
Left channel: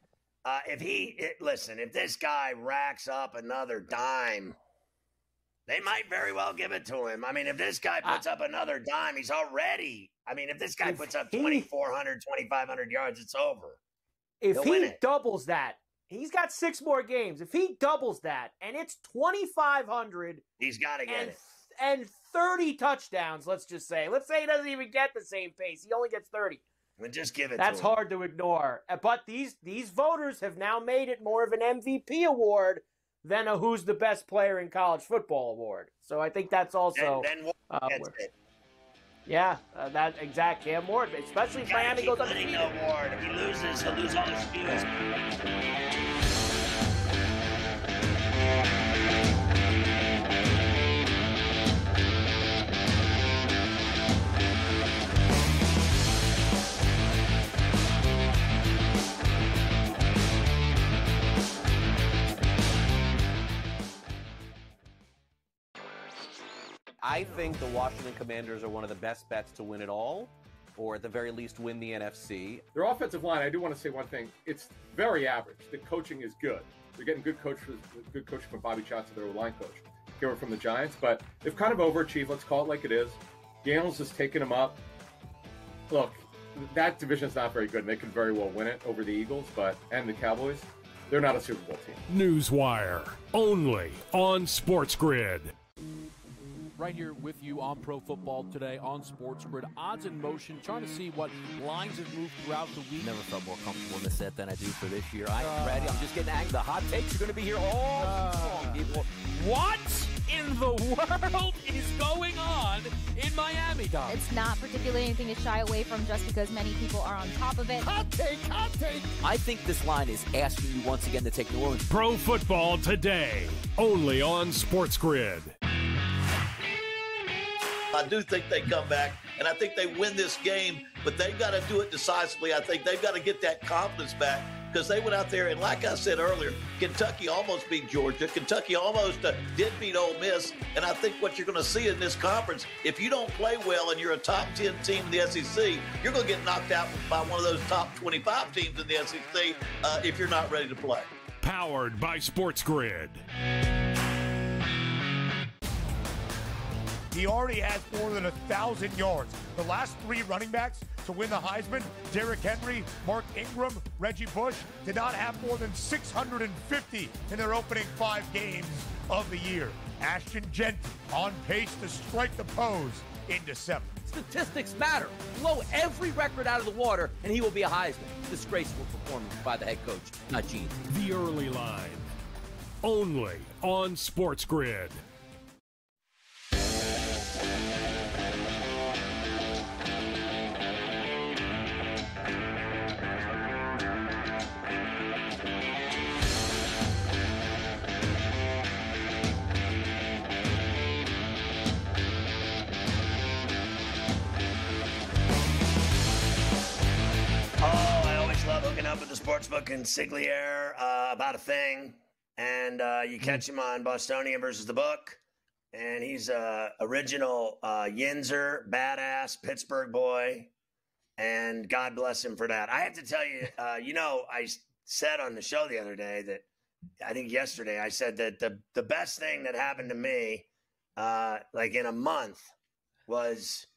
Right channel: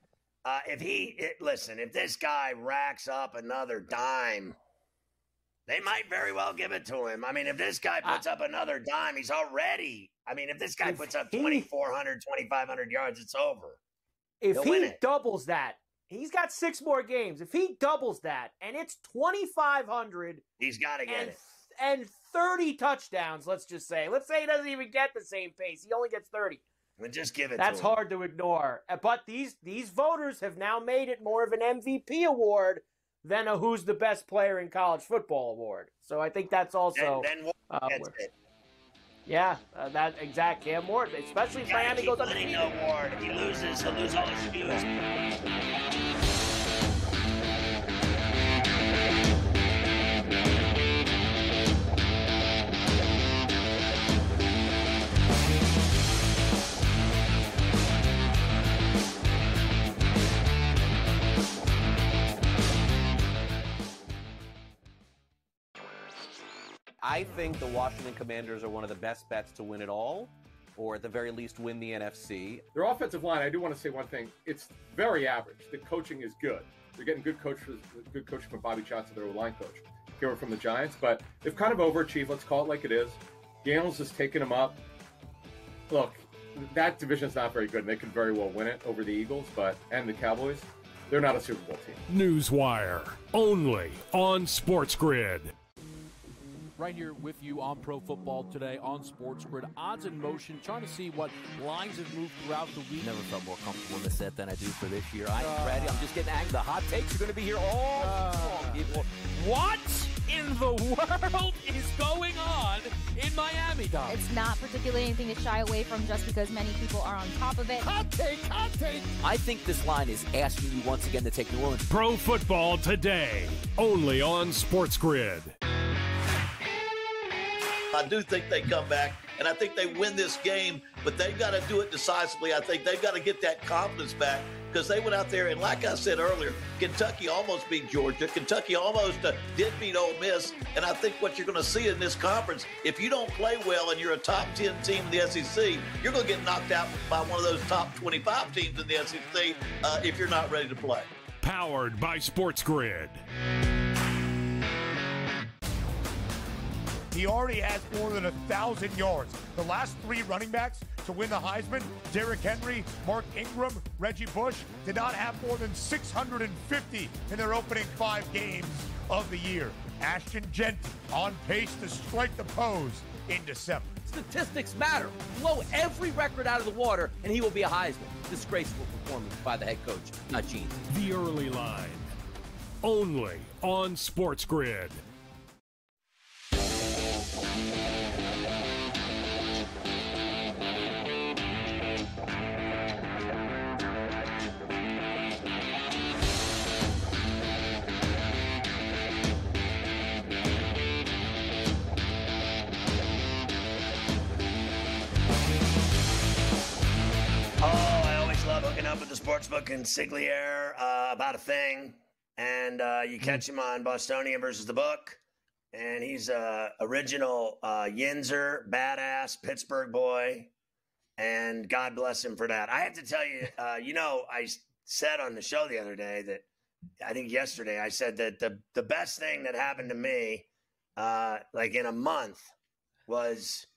if this guy racks up another dime, they might very well give it to him. I mean, if this guy puts up another dime, he's already – I mean, if this guy puts up 2,400, 2,500 yards, it's over. If he doubles that, he's got 6 more games. If he doubles that and it's 2,500 – he's got to get it. And 30 touchdowns, let's just say. Let's say he doesn't even get the same pace. He only gets 30. Well, just give it That's to him. hard to ignore. But these voters have now made it more of an MVP award than a who's the best player in college football award. So I think that's also that exactly. Yeah, more, especially if Miami goes on the award. If he loses, he'll lose all his views. I think the Washington Commanders are one of the best bets to win it all, or at the very least win the NFC. Their offensive line, I do want to say one thing. It's very average. The coaching is good. They're getting good coaching from Bobby Johnson, their line coach, here from the Giants. But they've kind of overachieved. Let's call it like it is. Daniels has taken them up. Look, that division's not very good. And they can very well win it over the Eagles and the Cowboys. They're not a Super Bowl team. Newswire, only on SportsGrid. Right here with you on Pro Football Today on SportsGrid. Odds in motion, trying to see what lines have moved throughout the week. Never felt more comfortable in this set than I do for this year. Brady, I'm just getting angry. The hot takes are going to be here all people. What in the world is going on in Miami, Dom? It's not particularly anything to shy away from just because many people are on top of it. Hot take, hot take. I think this line is asking you once again to take the room. Pro Football Today, only on SportsGrid. I do think they come back, and I think they win this game, but they've got to do it decisively. I think they've got to get that confidence back because they went out there, and like I said earlier, Kentucky almost beat Georgia. Kentucky almost did beat Ole Miss, and I think what you're going to see in this conference, if you don't play well and you're a top 10 team in the SEC, you're going to get knocked out by one of those top 25 teams in the SEC if you're not ready to play. Powered by SportsGrid. He already has more than 1,000 yards. The last 3 running backs to win the Heisman, Derrick Henry, Mark Ingram, Reggie Bush, did not have more than 650 in their opening 5 games of the year. Ashton Jeanty on pace to strike the pose in December. Statistics matter. Blow every record out of the water, and he will be a Heisman. Disgraceful performance by the head coach, Gene. The early line. only on SportsGrid. Hooking up with the Sportsbook and Sigliere about a thing, and you catch him on Bostonian versus the Book, and he's a original Yinzer, badass Pittsburgh boy, and God bless him for that. I have to tell you, I said on the show the other day that, I think yesterday, I said that the best thing that happened to me, like in a month, was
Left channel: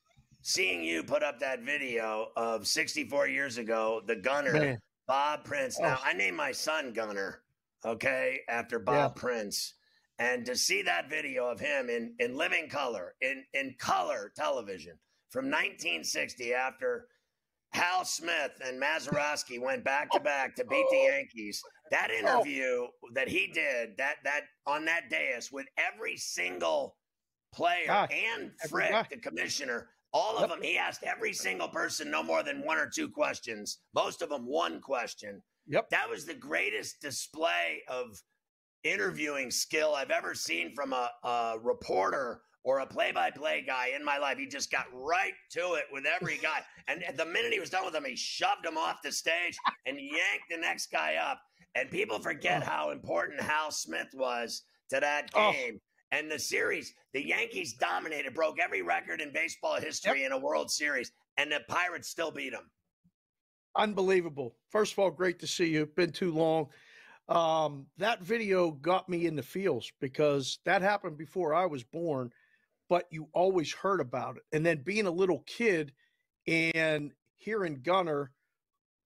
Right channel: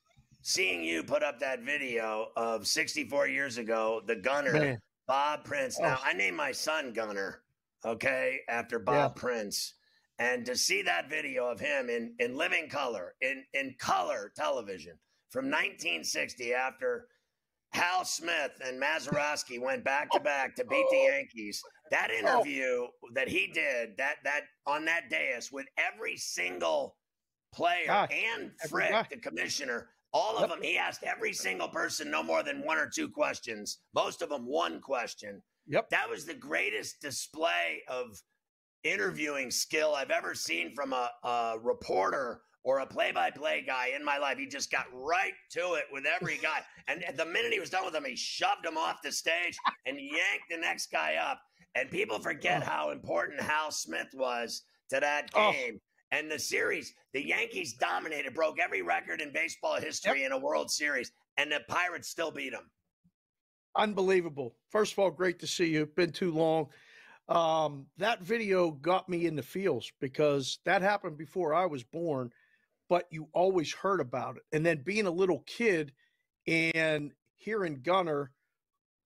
seeing you put up that video of 64 years ago, the gunner, Bob Prince. Now, I named my son Gunner, okay, after Bob Prince. And to see that video of him in living color, in color television from 1960, after Hal Smith and Mazeroski went back-to-back to beat the Yankees, that interview that he did that on that dais with every single player and Frick, the commissioner, all of them, he asked every single person no more than one or two questions. Most of them one question. That was the greatest display of interviewing skill I've ever seen from a reporter or a play-by-play guy in my life. He just got right to it with every guy. And the minute he was done with them, he shoved him off the stage and yanked the next guy up. And people forget how important Hal Smith was to that game. And the series, the Yankees dominated, broke every record in baseball history in a World Series, and the Pirates still beat them. Unbelievable. First of all, great to see you. It's been too long. That video got me in the feels because that happened before I was born, but you always heard about it. And then being a little kid and hearing Gunner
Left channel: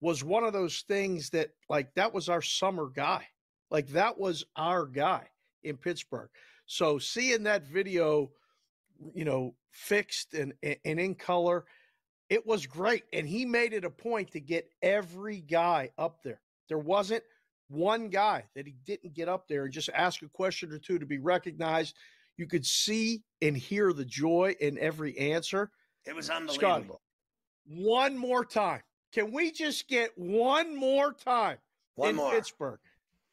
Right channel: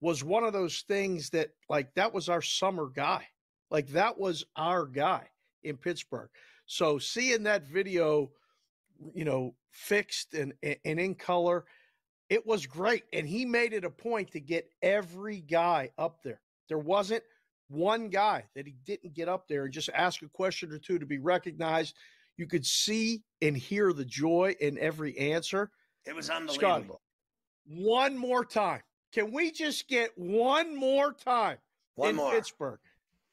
was one of those things that, like, that was our summer guy. Like, that was our guy in Pittsburgh. So seeing that video, fixed and in color, it was great. And he made it a point to get every guy up there. There wasn't one guy that he didn't get up there and just ask a question or two to be recognized. You could see and hear the joy in every answer. It was unbelievable. Scotty, one more time. Can we just get one more time in Pittsburgh?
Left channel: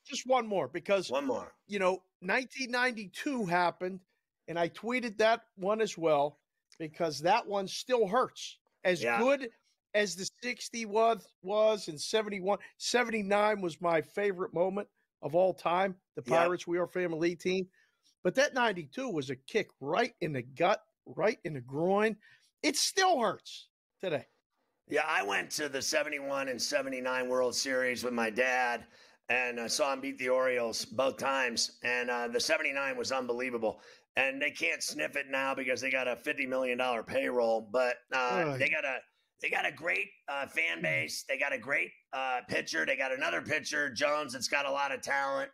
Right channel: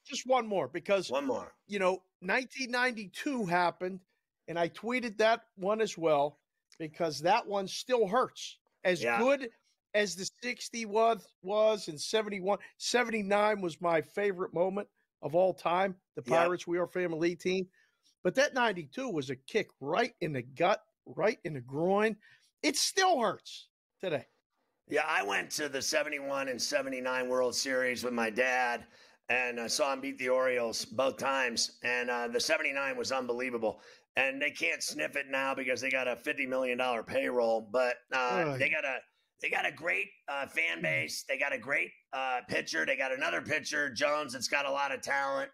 Just one more, because 1992 happened, and I tweeted that one as well because that one still hurts. As good as the 60 was and 71, 79 was my favorite moment of all time, the Pirates We Are Family team. But that 92 was a kick right in the gut, right in the groin. It still hurts today. Yeah, I went to the 71 and 79 World Series with my dad, and I saw him beat the Orioles both times. And the 79 was unbelievable. And they can't sniff it now because they got a $50 million payroll. But they got a great fan base. They got a great pitcher. They got another pitcher, Jones, that's got a lot of talent.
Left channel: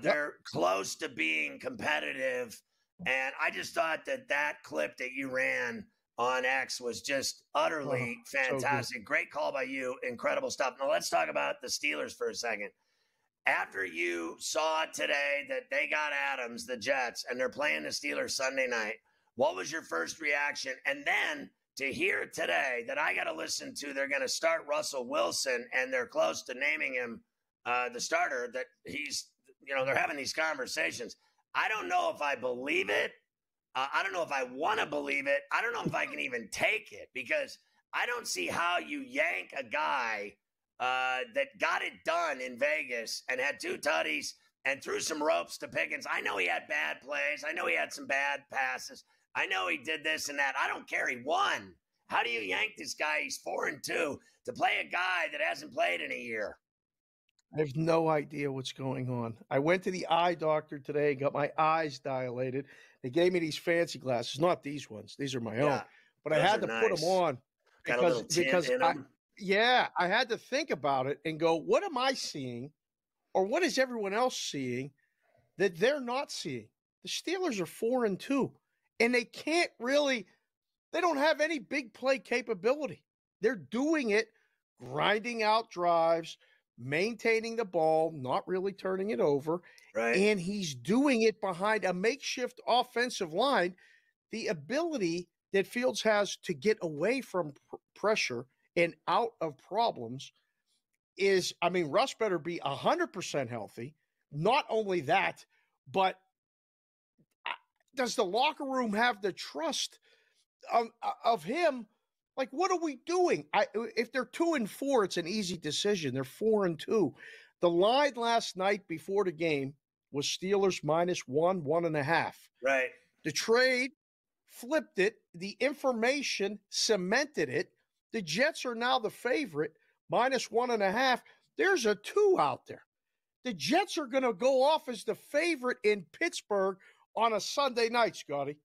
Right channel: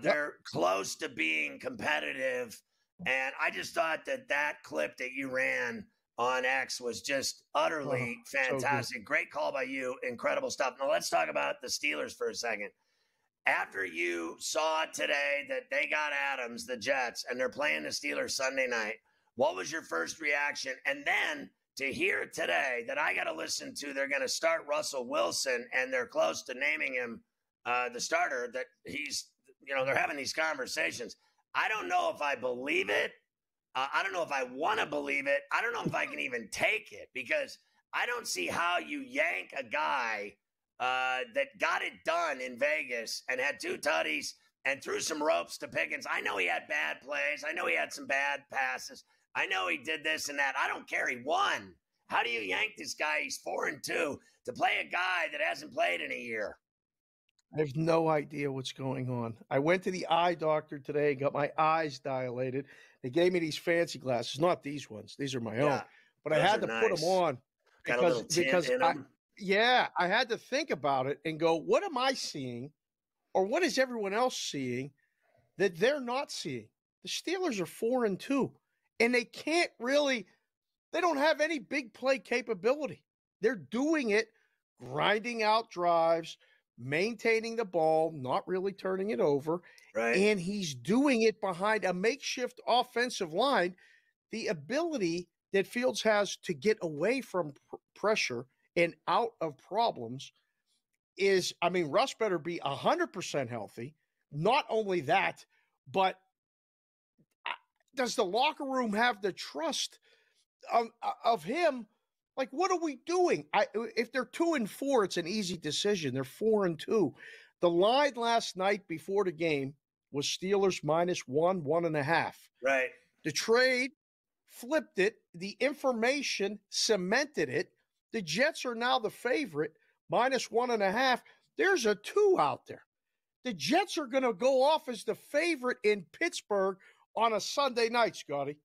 They're close to being competitive. And I just thought that clip that you ran on X was just utterly fantastic. So great call by you. Incredible stuff. Now let's talk about the Steelers for a second. After you saw today that they got Adams, the Jets, and they're playing the Steelers Sunday night, what was your first reaction? And then to hear today that I got to listen to, they're going to start Russell Wilson, and they're close to naming him the starter, that he's, they're having these conversations. I don't know if I believe it. I don't know if I want to believe it. I don't know if I can even take it, because I don't see how you yank a guy that got it done in Vegas and had 2 tutties and threw some ropes to Pickens. I know he had bad plays. I know he had some bad passes. I know he did this and that. I don't care. He won. How do you yank this guy? He's 4-2 to play a guy that hasn't played in a year. I have no idea what's going on. I went to the eye doctor today, got my eyes dilated. They gave me these fancy glasses, not these ones. These are my own. But I had to put them on because I had to think about it and go, what am I seeing, or what is everyone else seeing that they're not seeing? The Steelers are 4-2, and they can't really – they don't have any big play capability. They're doing it, grinding out drives, maintaining the ball, not really turning it over, Right. And he's doing it behind a makeshift offensive line. The ability that Fields has to get away from pressure and out of problems is, I mean, Russ better be 100% healthy. Not only that, but does the locker room have the trust of him? Like, what are we doing? If they're 2-4, it's an easy decision. They're 4-2. The line last night before the game was Steelers -1, 1.5. Right. The trade flipped it. The information cemented it. The Jets are now the favorite, -1.5. There's a 2 out there. The Jets are going to go off as the favorite in Pittsburgh on a Sunday night, Scotty.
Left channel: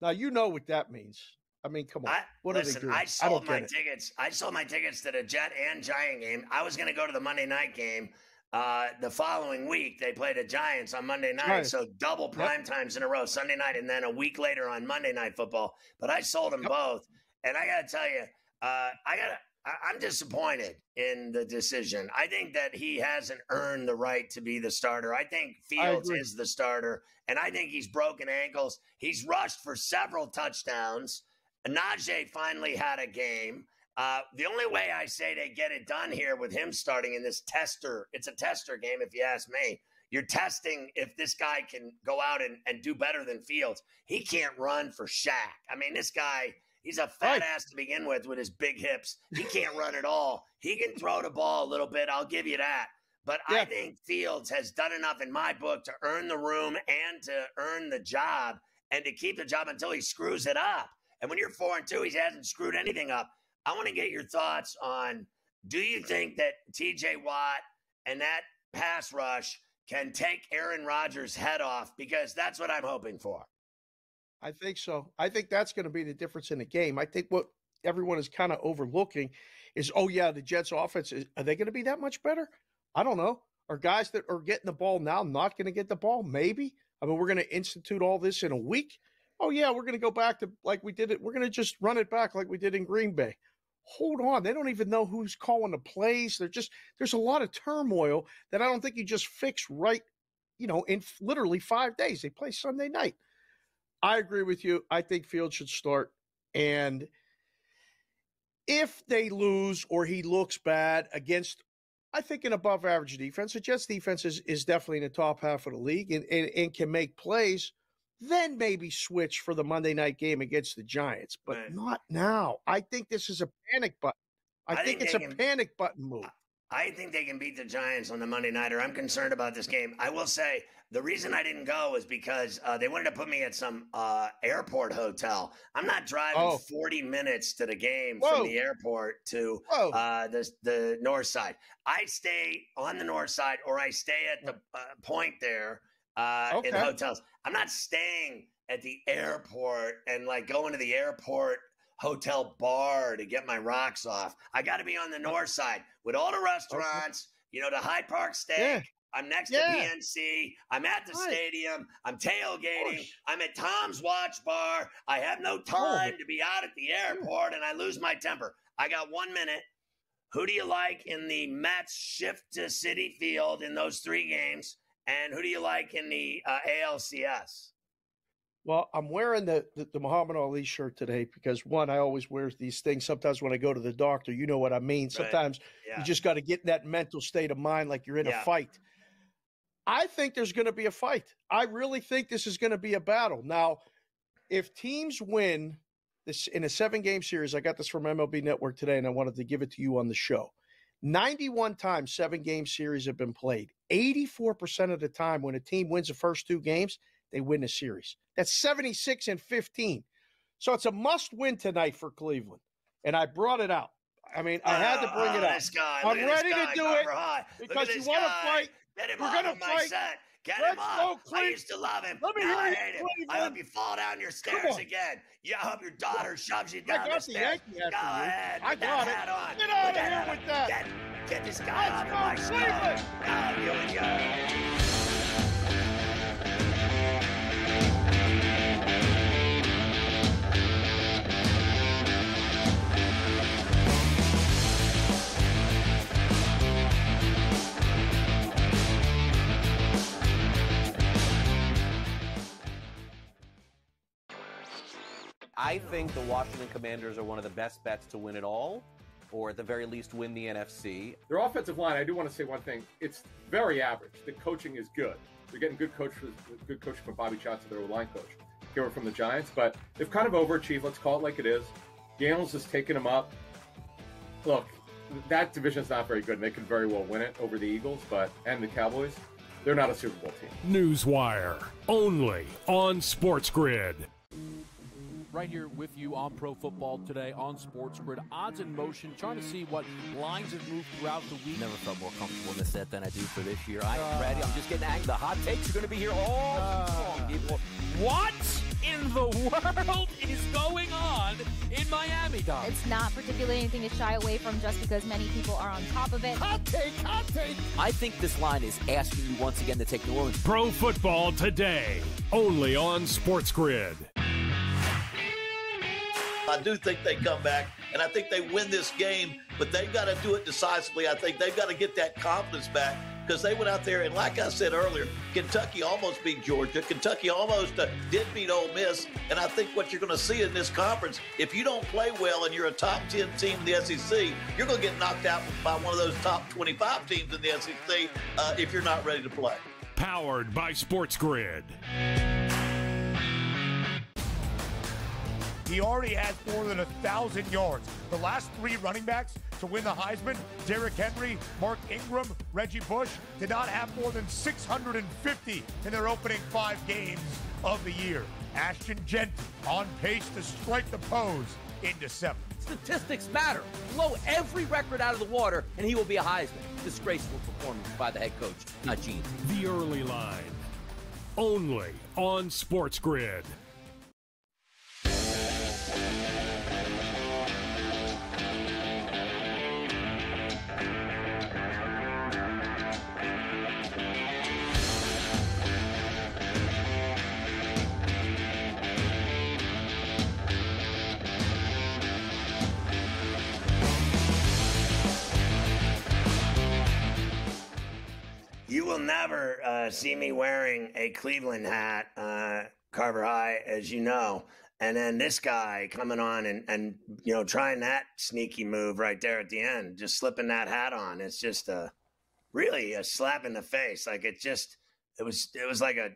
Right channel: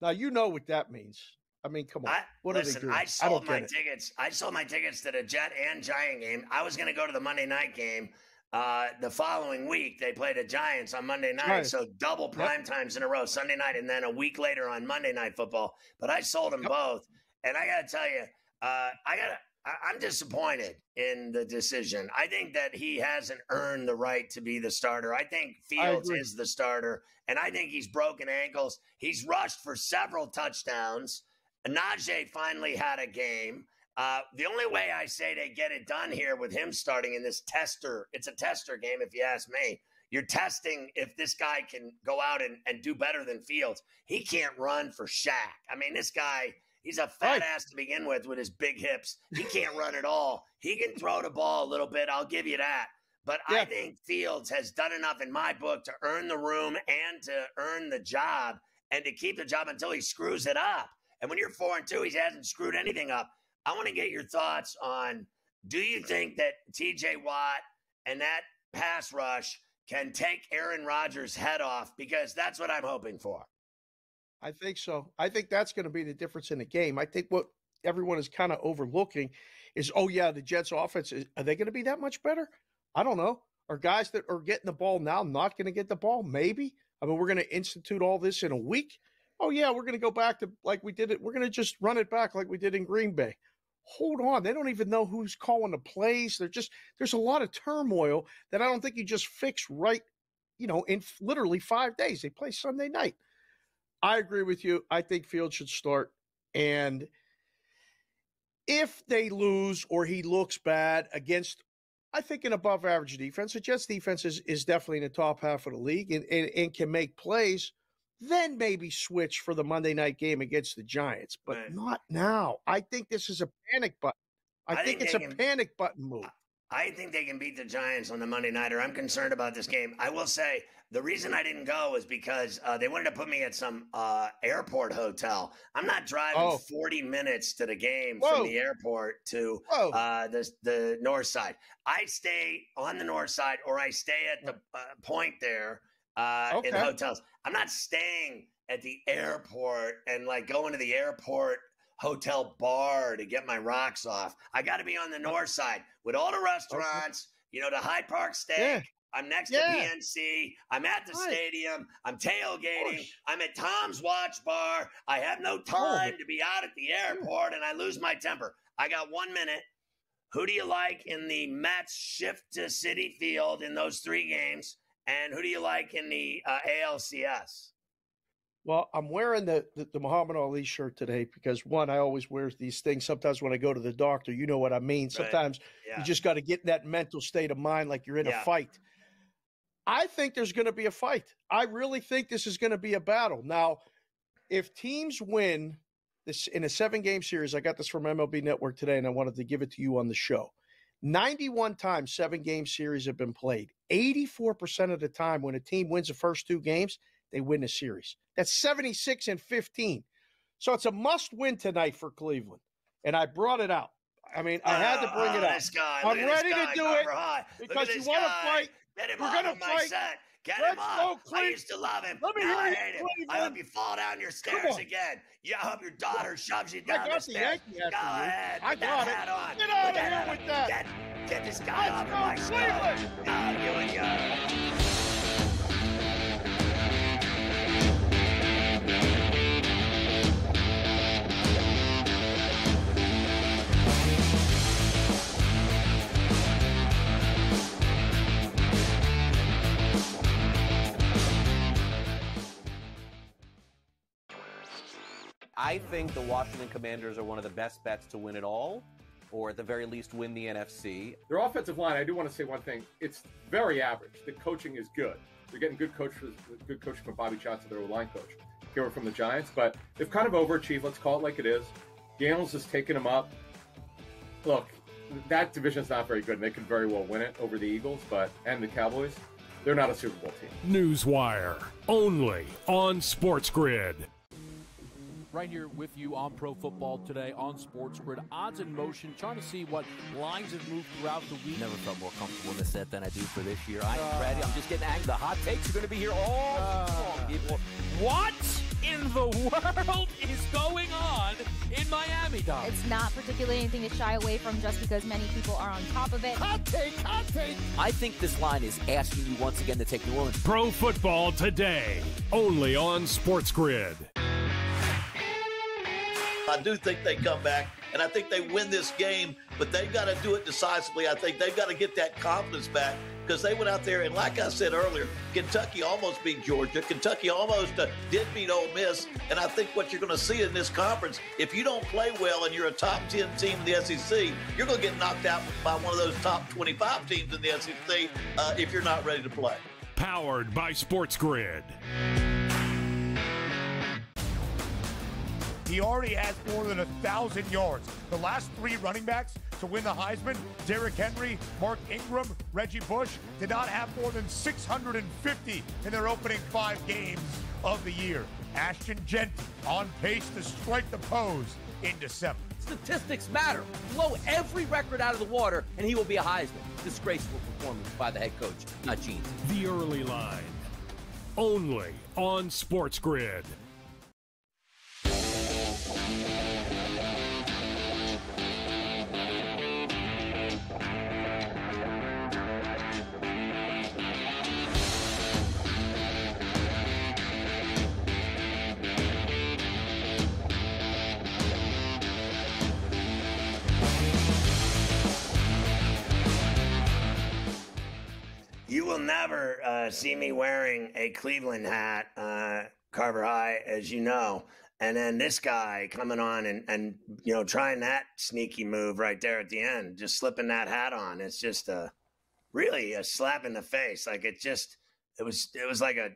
Now, you know what that means. I mean, come on. What are they doing? I sold my tickets. I sold my tickets to the Jet and Giant game. I was going to go to the Monday night game. The following week, they played the Giants on Monday night, right. So double prime times in a row, Sunday night, and then a week later on Monday Night Football. But I sold them both, and I got to tell you, I'm disappointed in the decision. I think that he hasn't earned the right to be the starter. I think Fields is the starter, and I think he's broken ankles. He's rushed for several touchdowns. Najee finally had a game. The only way I say they get it done here with him starting in this tester, it's a tester game if you ask me. You're testing if this guy can go out and do better than Fields. He can't run for Shaq. I mean, this guy, he's a fat ass to begin with his big hips. He can't run at all. He can throw the ball a little bit. I'll give you that. But I think Fields has done enough in my book to earn the room and to earn the job and to keep the job until he screws it up. And when you're 4-2, he hasn't screwed anything up. I want to get your thoughts on, do you think that T.J. Watt and that pass rush can take Aaron Rodgers' head off? Because that's what I'm hoping for. I think so. I think that's going to be the difference in the game. I think what everyone is kind of overlooking is, the Jets' offense, are they going to be that much better? I don't know. Are guys that are getting the ball now not going to get the ball? Maybe. I mean, we're going to institute all this in a week. Oh, yeah, we're going to go back to like we did it. We're going to just run it back like we did in Green Bay. Hold on. They don't even know who's calling the plays. There's a lot of turmoil that I don't think you just fix right, in literally 5 days. They play Sunday night. I agree with you. I think Fields should start. And if they lose or he looks bad against, I think, an above-average defense, the Jets' defense is definitely in the top half of the league and can make plays, then maybe switch for the Monday night game against the Giants, but not now. I think this is a panic button. I think it's a panic button move. I think they can beat the Giants on the Monday nighter. I'm concerned about this game. I will say the reason I didn't go is because they wanted to put me at some airport hotel. I'm not driving 40 minutes to the game from the airport to the north side. I stay on the north side or I stay at the point there in hotels. I'm not staying at the airport and going to the airport hotel bar to get my rocks off. I got to be on the north side with all the restaurants, the Hyde Park Steak. Yeah. I'm next to PNC. I'm at the stadium. I'm tailgating. I'm at Tom's Watch Bar. I have no time to be out at the airport, and I lose my temper. I got 1 minute. Who do you like in the Mets shift to Citi Field in those 3 games? And who do you like in the ALCS? Well, I'm wearing the Muhammad Ali shirt today because, one, I always wear these things. Sometimes when I go to the doctor, you know what I mean. Sometimes you just got to get in that mental state of mind like you're in a fight. I think there's going to be a fight. I really think this is going to be a battle. Now, if teams win this in a 7-game series, I got this from MLB Network today, and I wanted to give it to you on the show. 91 times 7-game series have been played. 84% of the time when a team wins the first 2 games, they win the series. That's 76-15. So it's a must-win tonight for Cleveland. And I brought it out. I mean, I had to bring it out. I'm ready to do it because you want to fight. We're going to fight. Get him up. I used to love him. Now I hate him. I hope you fall down your stairs again. I hope your daughter shoves you down the stairs. Go ahead. I got it. Get out of here with that. Get this guy out of my stomach. Here we go. I think the Washington Commanders are one of the best bets to win it all, or at the very least win the NFC. Their offensive line, I do want to say one thing. It's very average. The coaching is good. They're getting good coaching from Bobby Johnson, their line coach, here from the Giants. But they've kind of overachieved. Let's call it like it is. Daniels has taken them up. Look, that division's not very good. They could very well win it over the Eagles, and the Cowboys. They're not a Super Bowl team. Newswire, only on SportsGrid. Right here with you on Pro Football Today on SportsGrid. Odds in motion, trying to see what lines have moved throughout the week. Never felt more comfortable in this set than I do for this year. Brady, I'm just getting angry. The hot takes are going to be here all long, people. What in the world is going on in Miami, guys? It's not particularly anything to shy away from just because many people are on top of it. Hot take, hot take. I think this line is asking you once again to take New Orleans. Pro Football Today, only on SportsGrid. I do think they come back, and I think they win this game, but they've got to do it decisively. I think they've got to get that confidence back because they went out there, and like I said earlier, Kentucky almost beat Georgia. Kentucky almost did beat Ole Miss, and I think what you're going to see in this conference, if you don't play well and you're a top 10 team in the SEC, you're going to get knocked out by one of those top 25 teams in the SEC if you're not ready to play. Powered by SportsGrid. He already has more than 1,000 yards. The last three running backs to win the Heisman, Derrick Henry, Mark Ingram, Reggie Bush, did not have more than 650 in their opening 5 games of the year. Ashton Genty on pace to strike the pose in December. Statistics matter. Blow every record out of the water, and he will be a Heisman. Disgraceful performance by the head coach, Gene. The early line, only on SportsGrid. You will never see me wearing a Cleveland hat, Carver High, as you know. And then this guy coming on and trying that sneaky move right there at the end, just slipping that hat on. It's just really a slap in the face. Like it was like a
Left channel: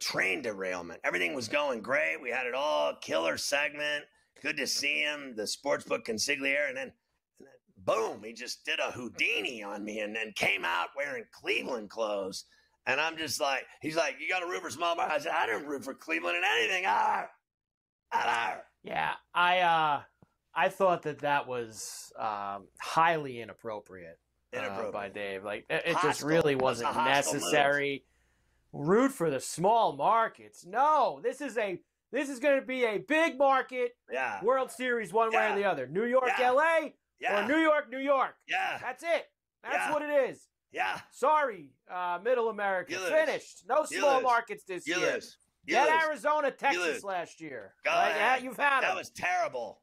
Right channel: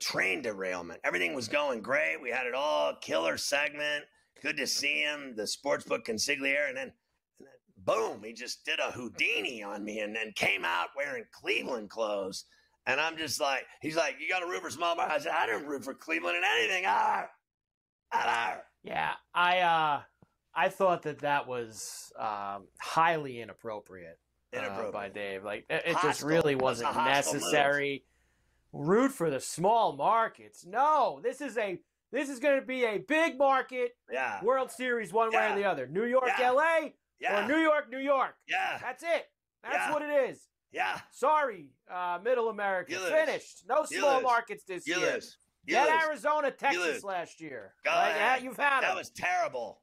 train derailment. Everything was going great. We had it all. Killer segment. Good to see him. The sportsbook consigliere. And then boom, he just did a Houdini on me and then came out wearing Cleveland clothes. And I'm just like, he's like, you got to root for small bar. I said, I didn't root for Cleveland in anything. Yeah, I thought that was highly inappropriate by Dave. Like it just really wasn't necessary. Root for the small markets. No, this is going to be a big market. Yeah. World Series one way or the other. New York, LA, or New York, New York. Yeah. That's it. That's what it is. Yeah. Sorry, Middle America. Finished. No small markets this year. Get Arizona, Texas last year. Right? You've had that them. was terrible.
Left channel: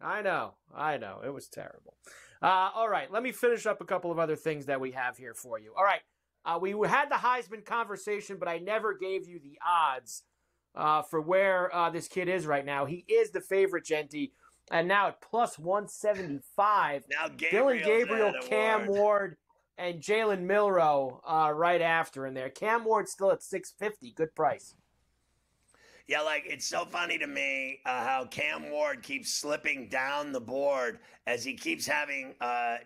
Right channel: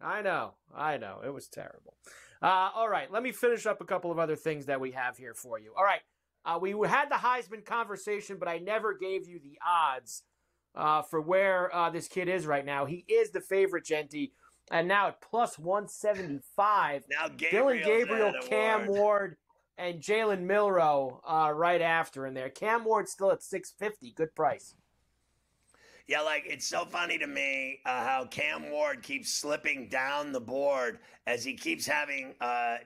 I know. It was terrible. All right, let me finish up a couple of other things that we have here for you. All right, we had the Heisman conversation, but I never gave you the odds for where this kid is right now. He is the favorite, Genty, and now at plus 175. Now Dylan Gabriel, Cam Ward, and Jalen Milroe right after in there. Cam Ward's still at 650. Good price. Yeah, like it's so funny to me how Cam Ward keeps slipping down the board as he keeps having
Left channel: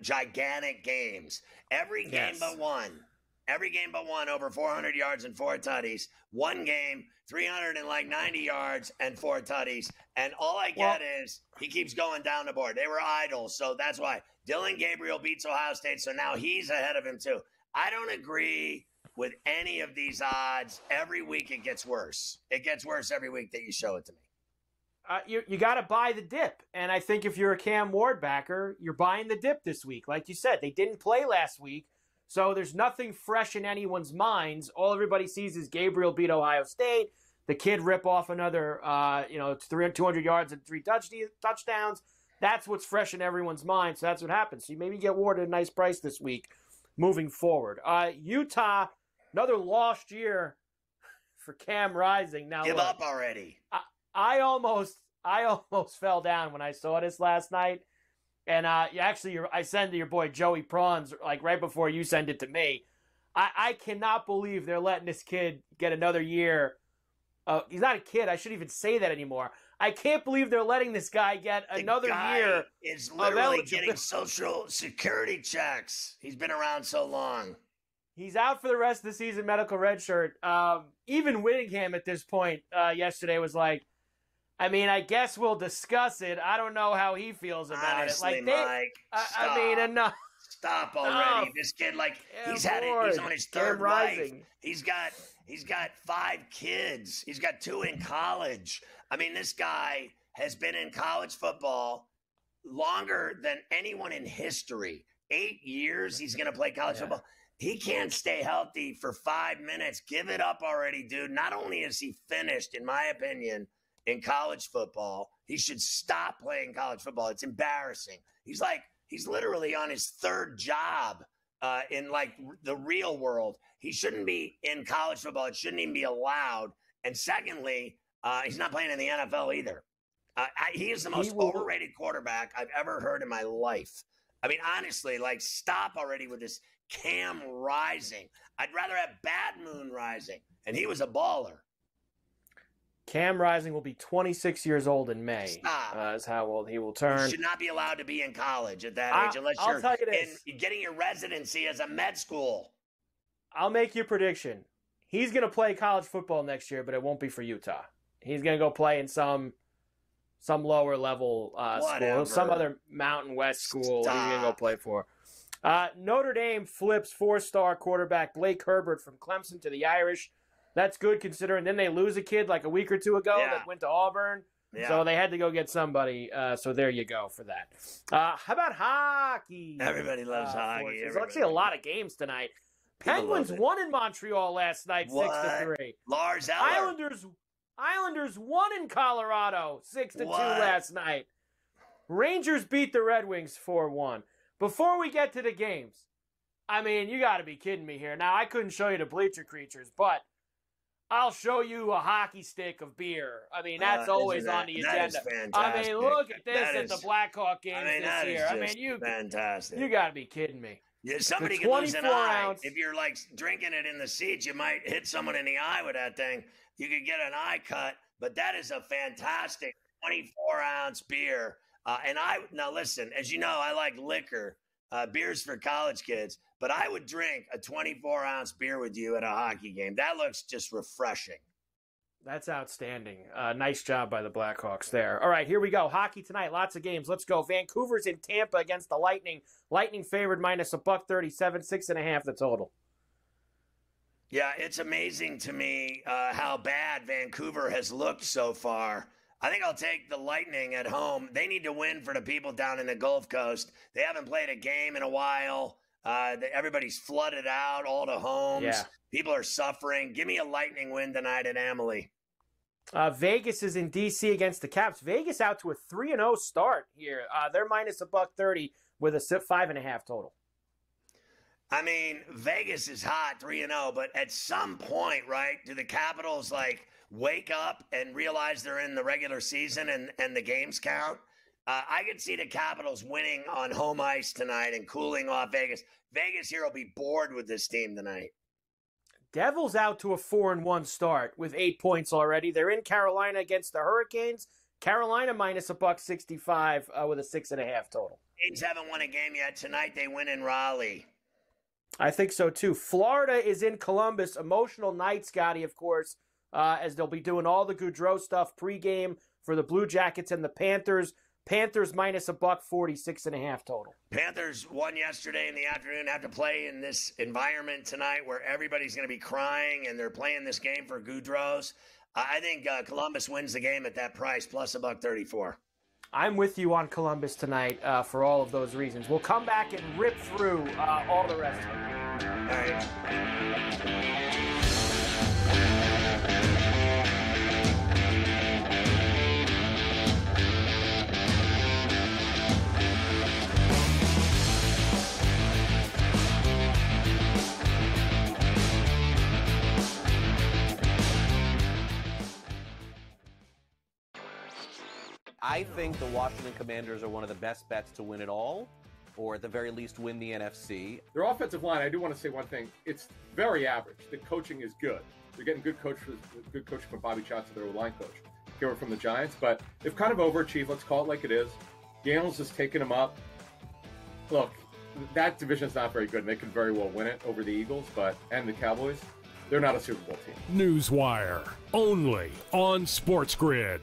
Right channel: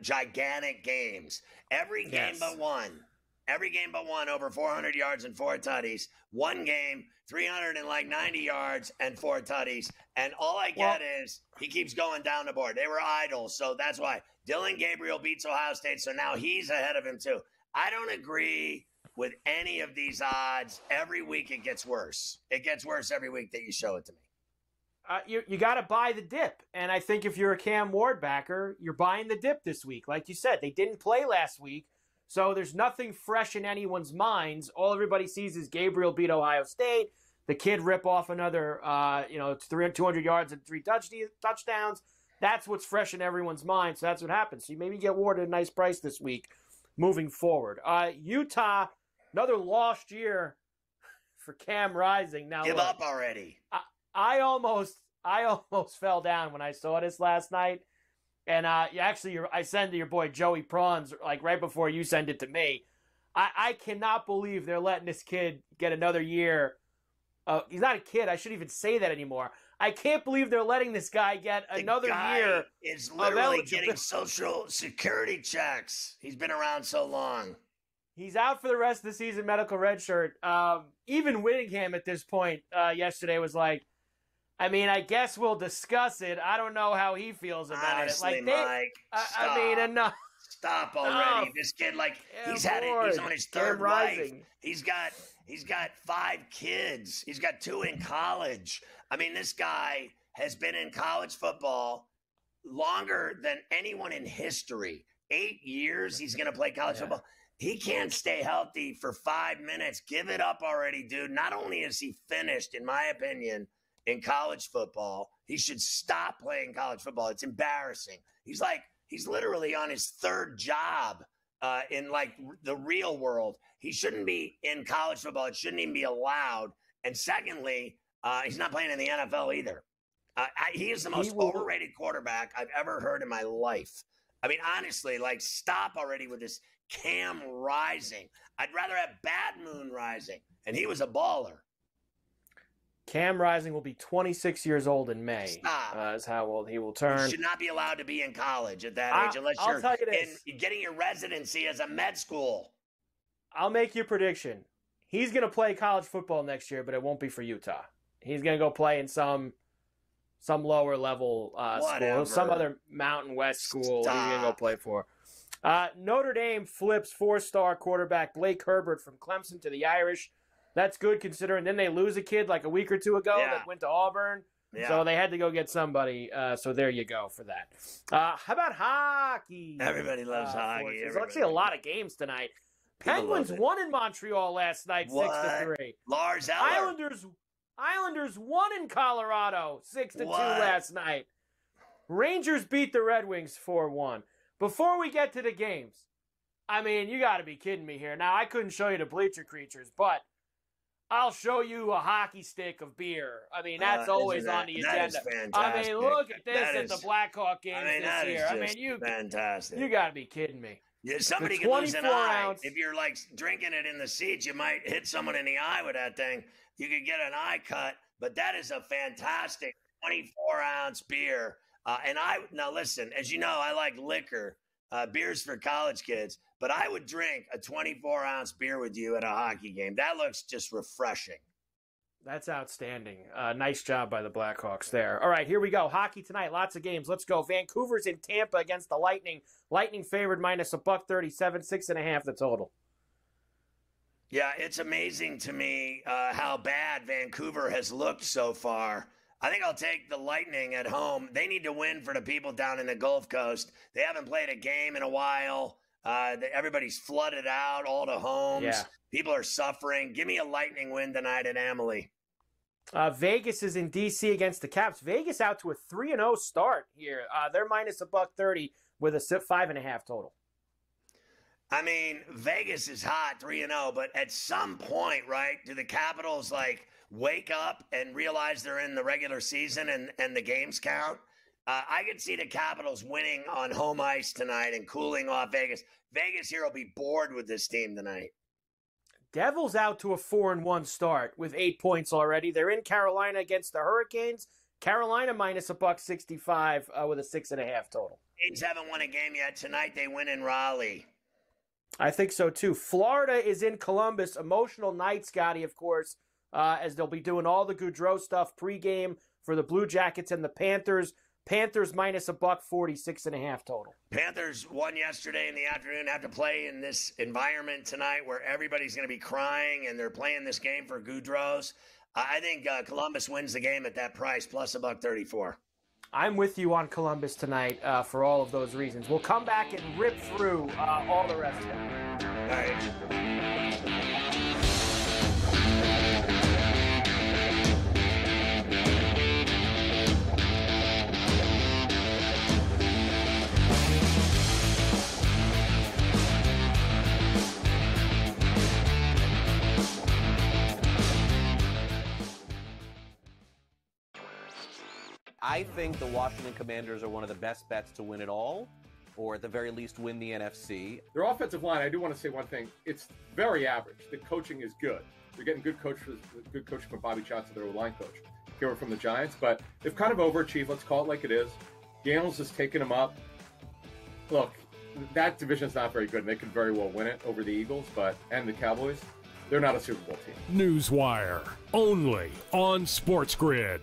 gigantic games. Every game but one. Every game but one over 400 yards and 4 tutties. One game, 390 yards and 4 tutties. And all I get is he keeps going down the board. They were idols, so that's why. Dylan Gabriel beats Ohio State, so now he's ahead of him too. I don't agree with any of these odds. Every week it gets worse. It gets worse every week that you show it to me. You got to buy the dip. And I think if you're a Cam Ward backer, you're buying the dip this week. Like you said, they didn't play last week, so there's nothing fresh in anyone's minds. All everybody sees is Gabriel beat Ohio State. The kid rip off another, 200 yards and 3 touchdowns. That's what's fresh in everyone's mind, so that's what happens. So you maybe get Ward at a nice price this week moving forward. Utah, another lost year for Cam Rising. Now, Give up already. I almost I almost fell down when I saw this last night. And I sent to your boy Joey Prawns like right before you send it to me. I cannot believe they're letting this kid get another year. He's not a kid. I shouldn't even say that anymore. I can't believe they're letting this guy get another year. Is literally getting Social Security checks. He's been around so long. He's out for the rest of the season, medical redshirt. Even Whittingham at this point yesterday was like, I mean, I guess we'll discuss it. I don't know how he feels about Honestly, it. Mike, stop. I mean, enough. Stop already. This kid, he's on his third wife. He's got 5 kids. He's got 2 in college. I mean, this guy has been in college football longer than anyone in history. 8 years he's going to play college football. He can't stay healthy for 5 minutes. Give it up already, dude. Not only is he finished, in my opinion, in college football, he should stop playing college football. It's embarrassing. He's literally on his 3rd job in the real world. He shouldn't be in college football. It shouldn't even be allowed. And secondly, he's not playing in the NFL either. He is the most overrated quarterback I've ever heard in my life. I mean, honestly, stop already with this Cam Rising. I'd rather have Bad Moon Rising. And he was a baller. Cam Rising will be 26 years old in May. Is how old he will turn. You should not be allowed to be in college at that age unless you're getting your residency as a med school. I'll make you a prediction. He's going to play college football next year, but it won't be for Utah. He's going to go play in some lower level school, some other Mountain West school he's going to go play for. Notre Dame flips 4-star quarterback Blake Herbert from Clemson to the Irish. That's good considering then they lose a kid like a week or 2 ago that went to Auburn. Yeah. So they had to go get somebody. So there you go for that. How about hockey? Everybody loves hockey. There's actually a lot of games tonight. Penguins won in Montreal last night, 6-3. Lars Eller. Islanders won in Colorado, 6-2 last night. Rangers beat the Red Wings 4-1. Before we get to the games, I mean, you got to be kidding me here. Now, I couldn't show you the Bleacher Creatures, but I'll show you a hockey stick of beer. I mean, that's always on the agenda. I mean, look at this at the Blackhawk games this year. I mean, fantastic. You got to be kidding me. Yeah, somebody can lose an eye. If you're drinking it in the seats, you might hit someone in the eye with that thing. You could get an eye cut, but that is a fantastic 24-ounce beer. Now listen, as you know, I like liquor. Beer's for college kids, but I would drink a 24-ounce beer with you at a hockey game. That looks just refreshing. That's outstanding. Nice job by the Blackhawks there. All right, here we go. Hockey tonight. Lots of games. Let's go. Vancouver's in Tampa against the Lightning. Lightning favored minus $137, 6.5 the total. Yeah, it's amazing to me how bad Vancouver has looked so far. I think I'll take the Lightning at home. They need to win for the people down in the Gulf Coast. They haven't played a game in a while. Everybody's flooded out, all the homes. Yeah. People are suffering. Give me a Lightning win tonight at Amalie. Vegas is in D.C. against the Caps. Vegas out to a 3-0 start here. They're minus $130 with a 5.5 total. I mean, Vegas is hot, 3-0, but at some point, right, do the Capitals, wake up and realize they're in the regular season and the games count? I could see the Capitals winning on home ice tonight and cooling off Vegas. Vegas here will be bored with this team tonight. Devils out to a 4-1 start with 8 points already. They're in Carolina against the Hurricanes. Carolina minus $165 with a 6.5 total. Kings haven't won a game yet. Tonight they win in Raleigh. I think so too. Florida is in Columbus. Emotional night, Scotty, of course, as they'll be doing all the Goudreau stuff pregame for the Blue Jackets and the Panthers. Panthers minus $140, 6.5 total. Panthers won yesterday in the afternoon. Have to play in this environment tonight where everybody's going to be crying and they're playing this game for Goudreau's. I think Columbus wins the game at that price, plus $134. I'm with you on Columbus tonight for all of those reasons. We'll come back and rip through all the rest of it. All right. I think the Washington Commanders are one of the best bets to win it all, or at the very least win the NFC. Their offensive line, I do want to say one thing. It's very average. The coaching is good. They're getting good coaching from Bobby Johnson, their line coach, here from the Giants. But they've kind of overachieved. Let's call it like it is. Gales has taken them up. Look, that division's not very good. They could very well win it over the Eagles, and the Cowboys. They're not a Super Bowl team. Newswire, only on SportsGrid.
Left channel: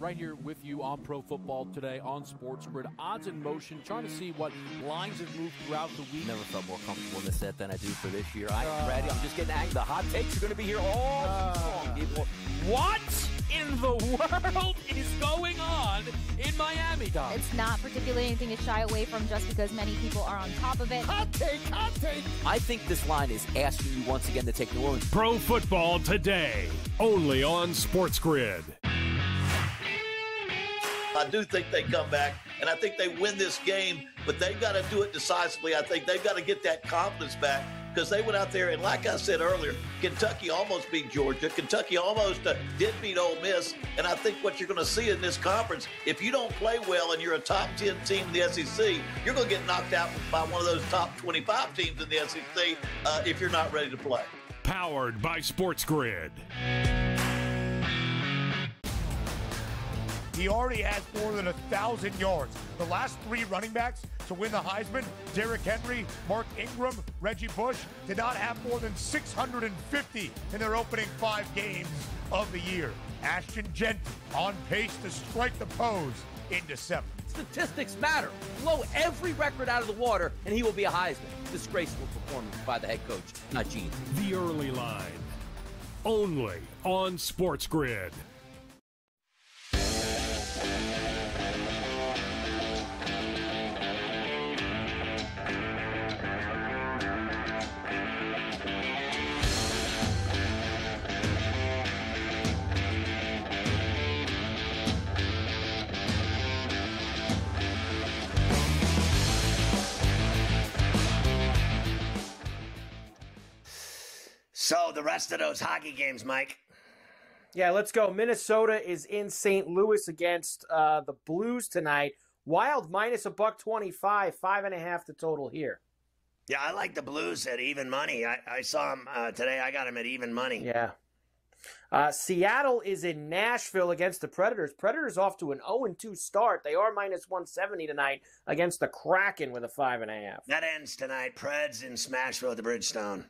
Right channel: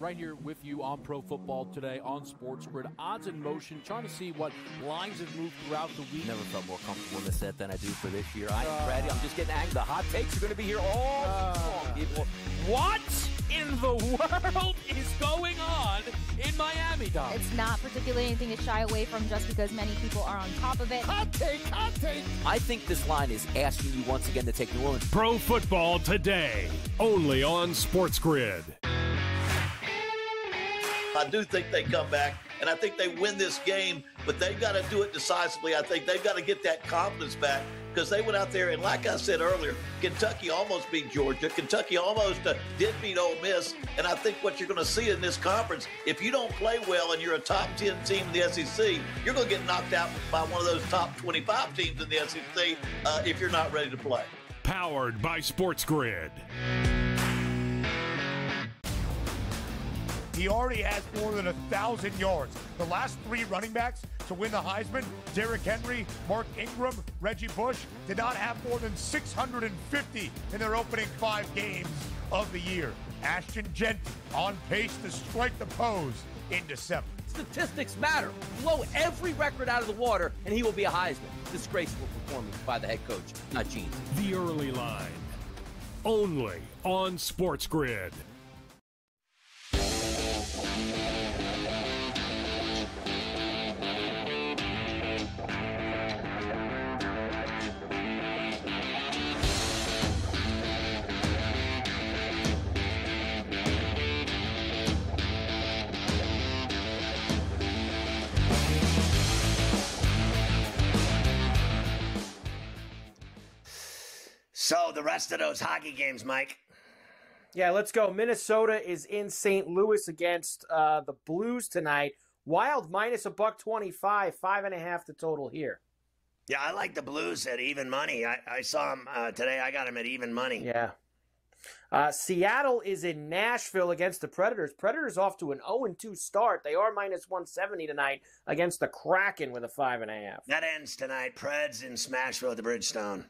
Right here with you on Pro Football Today on SportsGrid. Odds in motion, trying to see what lines have moved throughout the week. Never felt more comfortable in this set than I do for this year. Brady, I'm just getting angry. The hot takes are going to be here all long. People, what in the world is going on in Miami, Dom? It's not particularly anything to shy away from just because many people are on top of it. Hot take, hot take. I think this line is asking you once again to take the room. Pro Football Today, only on SportsGrid. I do think they come back, and I think they win this game, but they've got to do it decisively. I think they've got to get that confidence back because they went out there, and like I said earlier, Kentucky almost beat Georgia. Kentucky almost did beat Ole Miss, and I think what you're going to see in this conference, if you don't play well and you're a top 10 team in the SEC, you're going to get knocked out by one of those top 25 teams in the SEC if you're not ready to play. Powered by SportsGrid. He already has more than 1,000 yards. The last three running backs to win the Heisman, Derrick Henry, Mark Ingram, Reggie Bush, did not have more than 650 in their opening 5 games of the year. Ashton Genty on pace to strike the pose in December. Statistics matter. Blow every record out of the water, and he will be a Heisman. Disgraceful performance by the head coach, not Gene. The early line, only on SportsGrid. So the rest of those hockey games, Mike. Yeah, let's go. Minnesota is in St. Louis against the Blues tonight. Wild minus $1.25, 5.5 the total here. Yeah, I like the Blues at even money. I saw them today. I got them at even money. Yeah. Seattle is in Nashville against the Predators. Predators off to an 0-2 start. They are minus 170 tonight against the Kraken with a 5.5. That ends tonight. Preds in Smashville at the Bridgestone.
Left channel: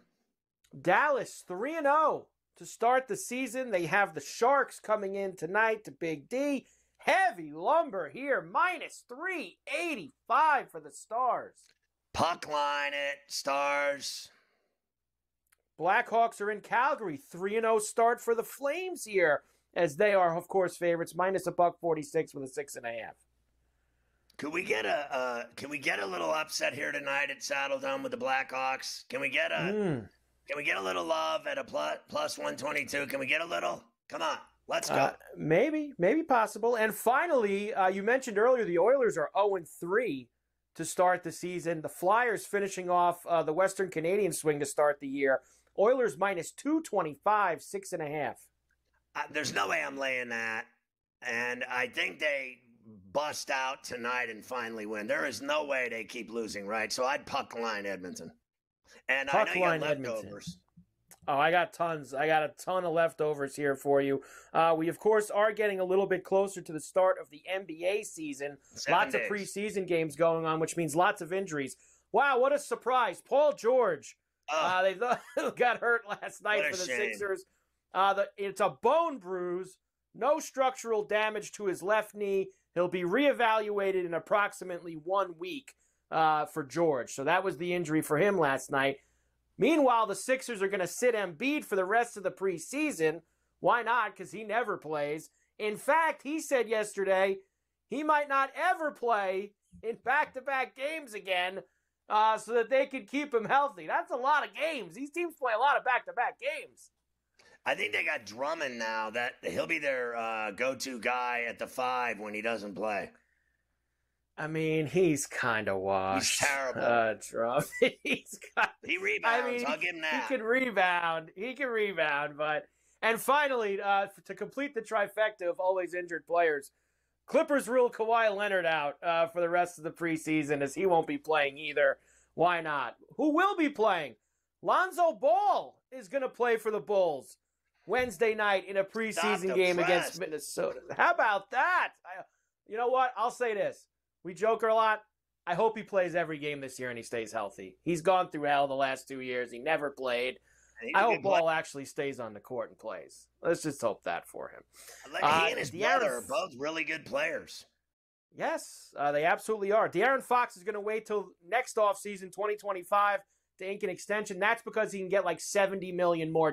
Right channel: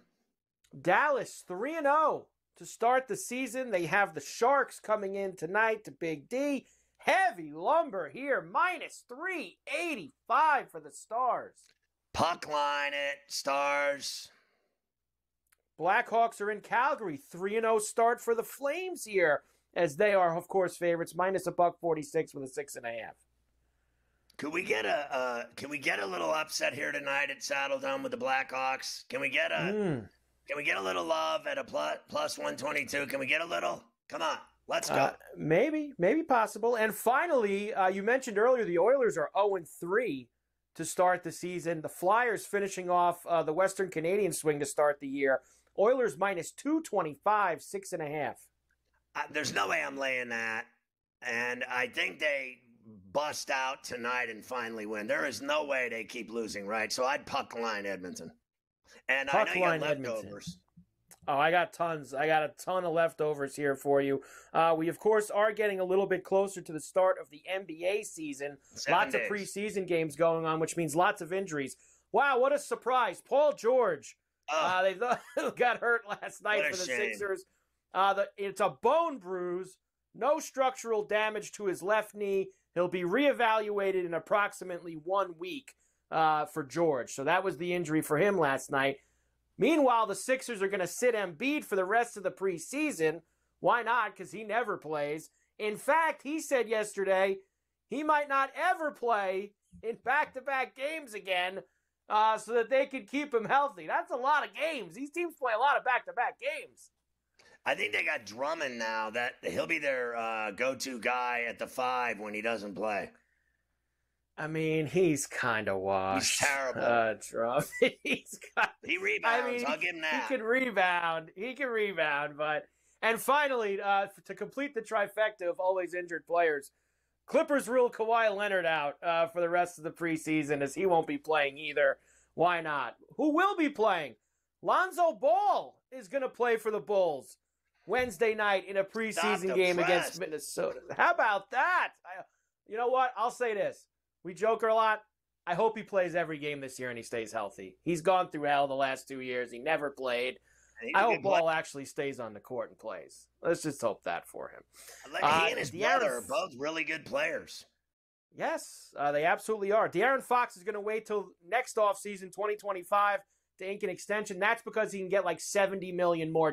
Dallas 3-0 to start the season. They have the Sharks coming in tonight to Big D. Heavy lumber here, minus 385 for the Stars. Puck line it, Stars. Blackhawks are in Calgary. 3-0 start for the Flames here, as they are, of course, favorites. Minus $1.46 with a 6.5. Could we get a little upset here tonight at Saddle Dome with the Blackhawks? Can we get a little love at a plus 122? Can we get a little? Come on, let's go. Maybe possible. And finally, you mentioned earlier the Oilers are 0-3 to start the season. The Flyers finishing off the Western Canadian swing to start the year. Oilers minus 225, 6.5. There's no way I'm laying that. And I think they bust out tonight and finally win. There is no way they keep losing, right? So I'd puck line Edmonton. And Puck I know line you got leftovers. Oh, I got tons. I got a ton of leftovers here for you. We, of course, are getting a little bit closer to the start of the NBA season. 7 days. Of preseason games going on, which means lots of injuries. Wow, what a surprise. Paul George. They got hurt last night for the shame. Sixers. It's a bone bruise. No structural damage to his left knee. He'll be reevaluated in approximately 1 week for George. So that was the injury for him last night. Meanwhile, the Sixers are going to sit Embiid for the rest of the preseason. Why not? Because he never plays. In fact, he said yesterday he might not ever play in back-to-back games again so that they could keep him healthy. That's a lot of games. These teams play a lot of back-to-back games. I think they got Drummond now. That he'll be their go-to guy at the 5 when he doesn't play. I mean, he's kind of washed. He's terrible. Drummond. He rebounds. I'll give him that. He can rebound, but And finally, to complete the trifecta of always injured players, Clippers rule Kawhi Leonard out for the rest of the preseason, as he won't be playing either. Why not? Who will be playing? Lonzo Ball is going to play for the Bulls Wednesday night in a preseason game against Minnesota. How about that? You know what? I'll say this. We joke a lot. I hope he plays every game this year and he stays healthy. He's gone through hell the last 2 years. He never played. I hope Ball actually stays on the court and plays. Let's just hope that for him. He and his brother are both really good players. Yes, they absolutely are. De'Aaron Fox is going to wait till next offseason, 2025, to ink an extension. That's because he can get like $70 million more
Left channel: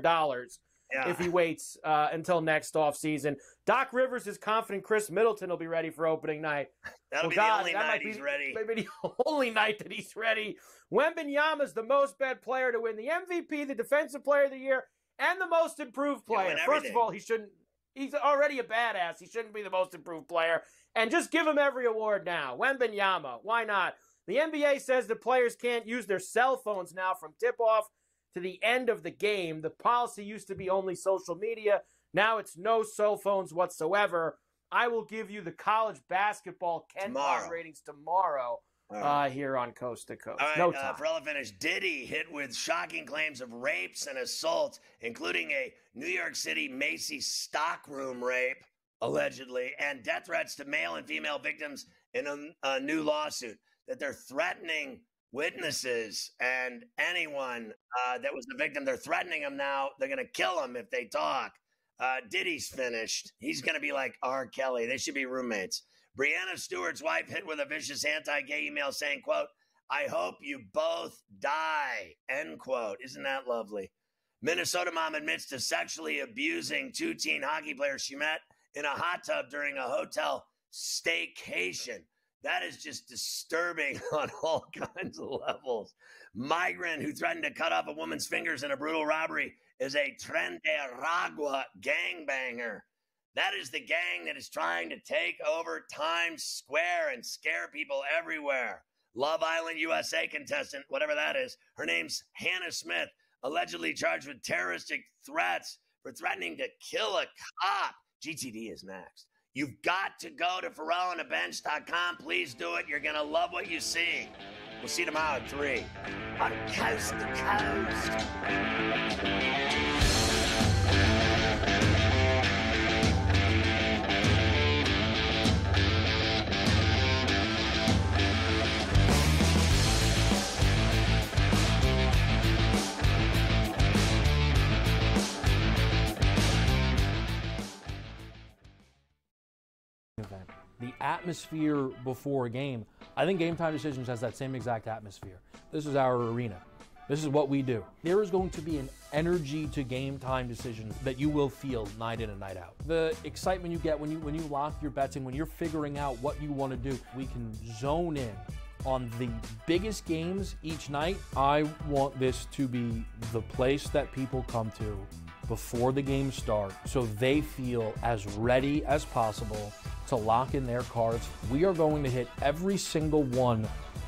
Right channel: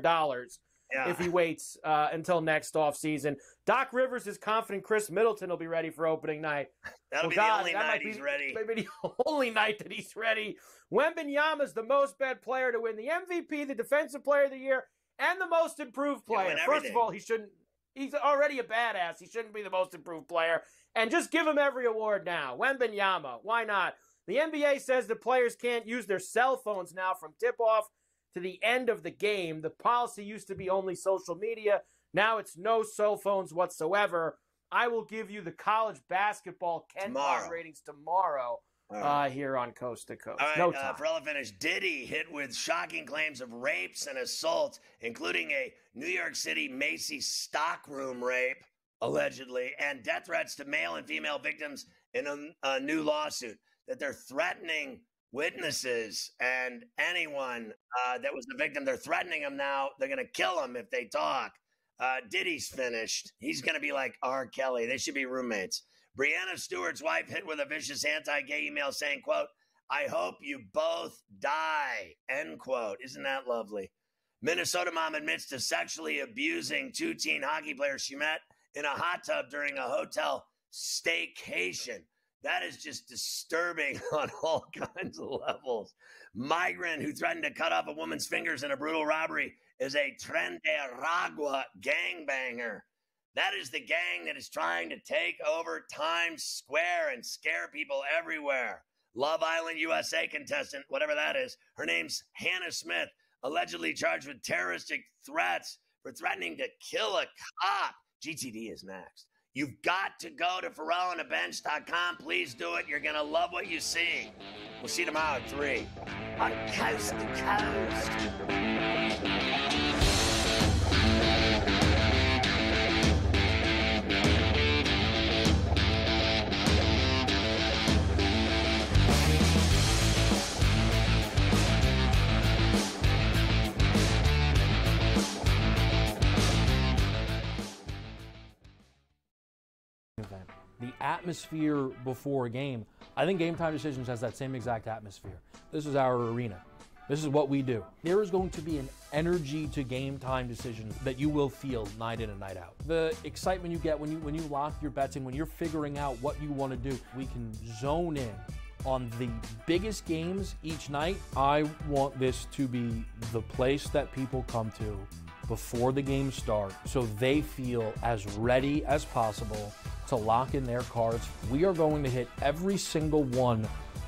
if he waits until next offseason. Doc Rivers is confident Chris Middleton will be ready for opening night. That'll be the only night he's ready. Maybe the only night that he's ready. Wembanyama is the most bet player to win the MVP, the Defensive Player of the Year, and the most improved player. First of all, he's already a badass. He shouldn't be the most improved player. And just give him every award now. Wembanyama, why not? The NBA says that players can't use their cell phones now from tip-off to the end of the game. The policy used to be only social media. Now it's no cell phones whatsoever. I will give you the college basketball KenPom ratings tomorrow here on Coast to Coast. All right, Ferrall finished. Diddy hit with shocking claims of rapes and assaults, including a New York City Macy's stockroom rape, allegedly, and death threats to male and female victims in a new lawsuit. That they're threatening witnesses and anyone that was the victim. They're threatening them now. They're going to kill them if they talk. Diddy's finished. He's going to be like R. Kelly. They should be roommates. Breanna Stewart's wife hit with a vicious anti-gay email saying, quote, "I hope you both die," end quote. Isn't that lovely? Minnesota mom admits to sexually abusing 2 teen hockey players she met in a hot tub during a hotel staycation. That is just disturbing on all kinds of levels. Migrant who threatened to cut off a woman's fingers in a brutal robbery is a Tren de Aragua gangbanger. That is the gang that is trying to take over Times Square and scare people everywhere. Love Island USA contestant, whatever that is, her name's Hannah Smith, allegedly charged with terroristic threats for threatening to kill a cop. GTD is next. You've got to go to FerrallOnTheBench.com. Please do it. You're going to love what you see. We'll see you tomorrow at 3 on Coast to Coast. The atmosphere before a game, I think Game Time Decisions has that same exact atmosphere. This is our arena. This is what we do. There is going to be an energy to Game Time Decisions that you will feel night in and night out. The excitement you get when you lock your bets in, when you're figuring out what you want to do, we can zone in on the biggest games each night. I want this to be the place that people come to before the games start so they feel as ready as possible to lock in their cards. We are going to hit every single one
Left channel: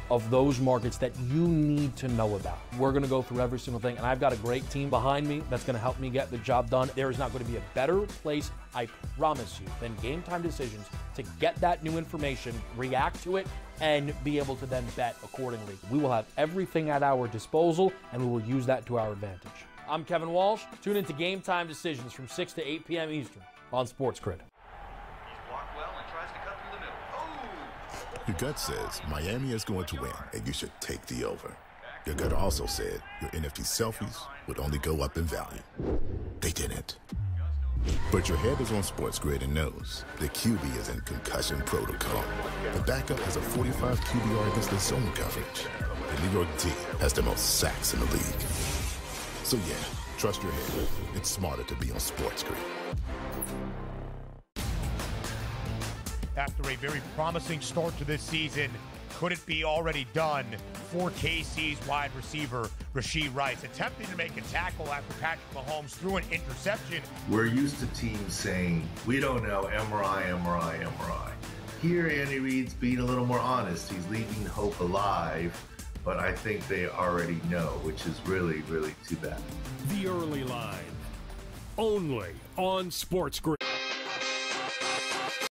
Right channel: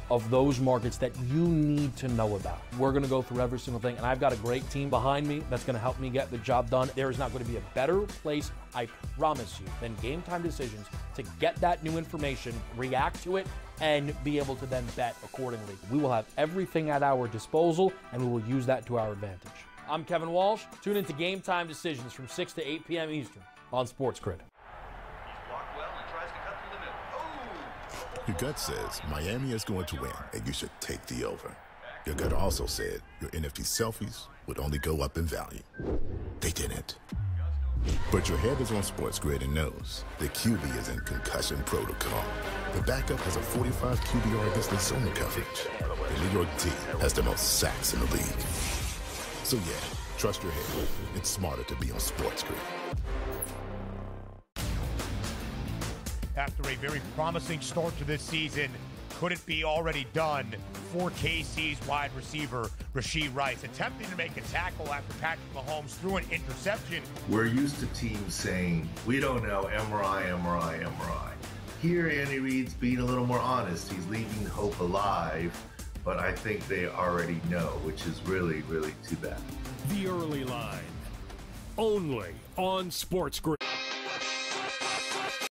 of those markets that you need to know about. We're going to go through every single thing, and I've got a great team behind me that's going to help me get the job done. There is not going to be a better place, I promise you, than Game Time Decisions to get that new information, react to it, and be able to then bet accordingly. We will have everything at our disposal, and we will use that to our advantage. I'm Kevin Walsh. Tune into Game Time Decisions from 6 to 8 p.m. Eastern on SportsGrid. Your gut says Miami is going to win, and you should take the over. Your gut also said your NFT selfies would only go up in value. They didn't. But your head is on SportsGrid and knows the QB is in concussion protocol. The backup has a 45 QBR against the zone coverage. The New York D has the most sacks in the league. So yeah, trust your head. It's smarter to be on SportsGrid. After a very promising start to this season, could it be already done for KC's wide receiver, Rashee Rice, attempting to make a tackle after Patrick Mahomes threw an interception? We're used to teams saying, we don't know, MRI. Here, Andy Reid's being a little more honest. He's leaving hope alive, but I think they already know, which is really, really too bad. The Early Line. only on SportsGrid.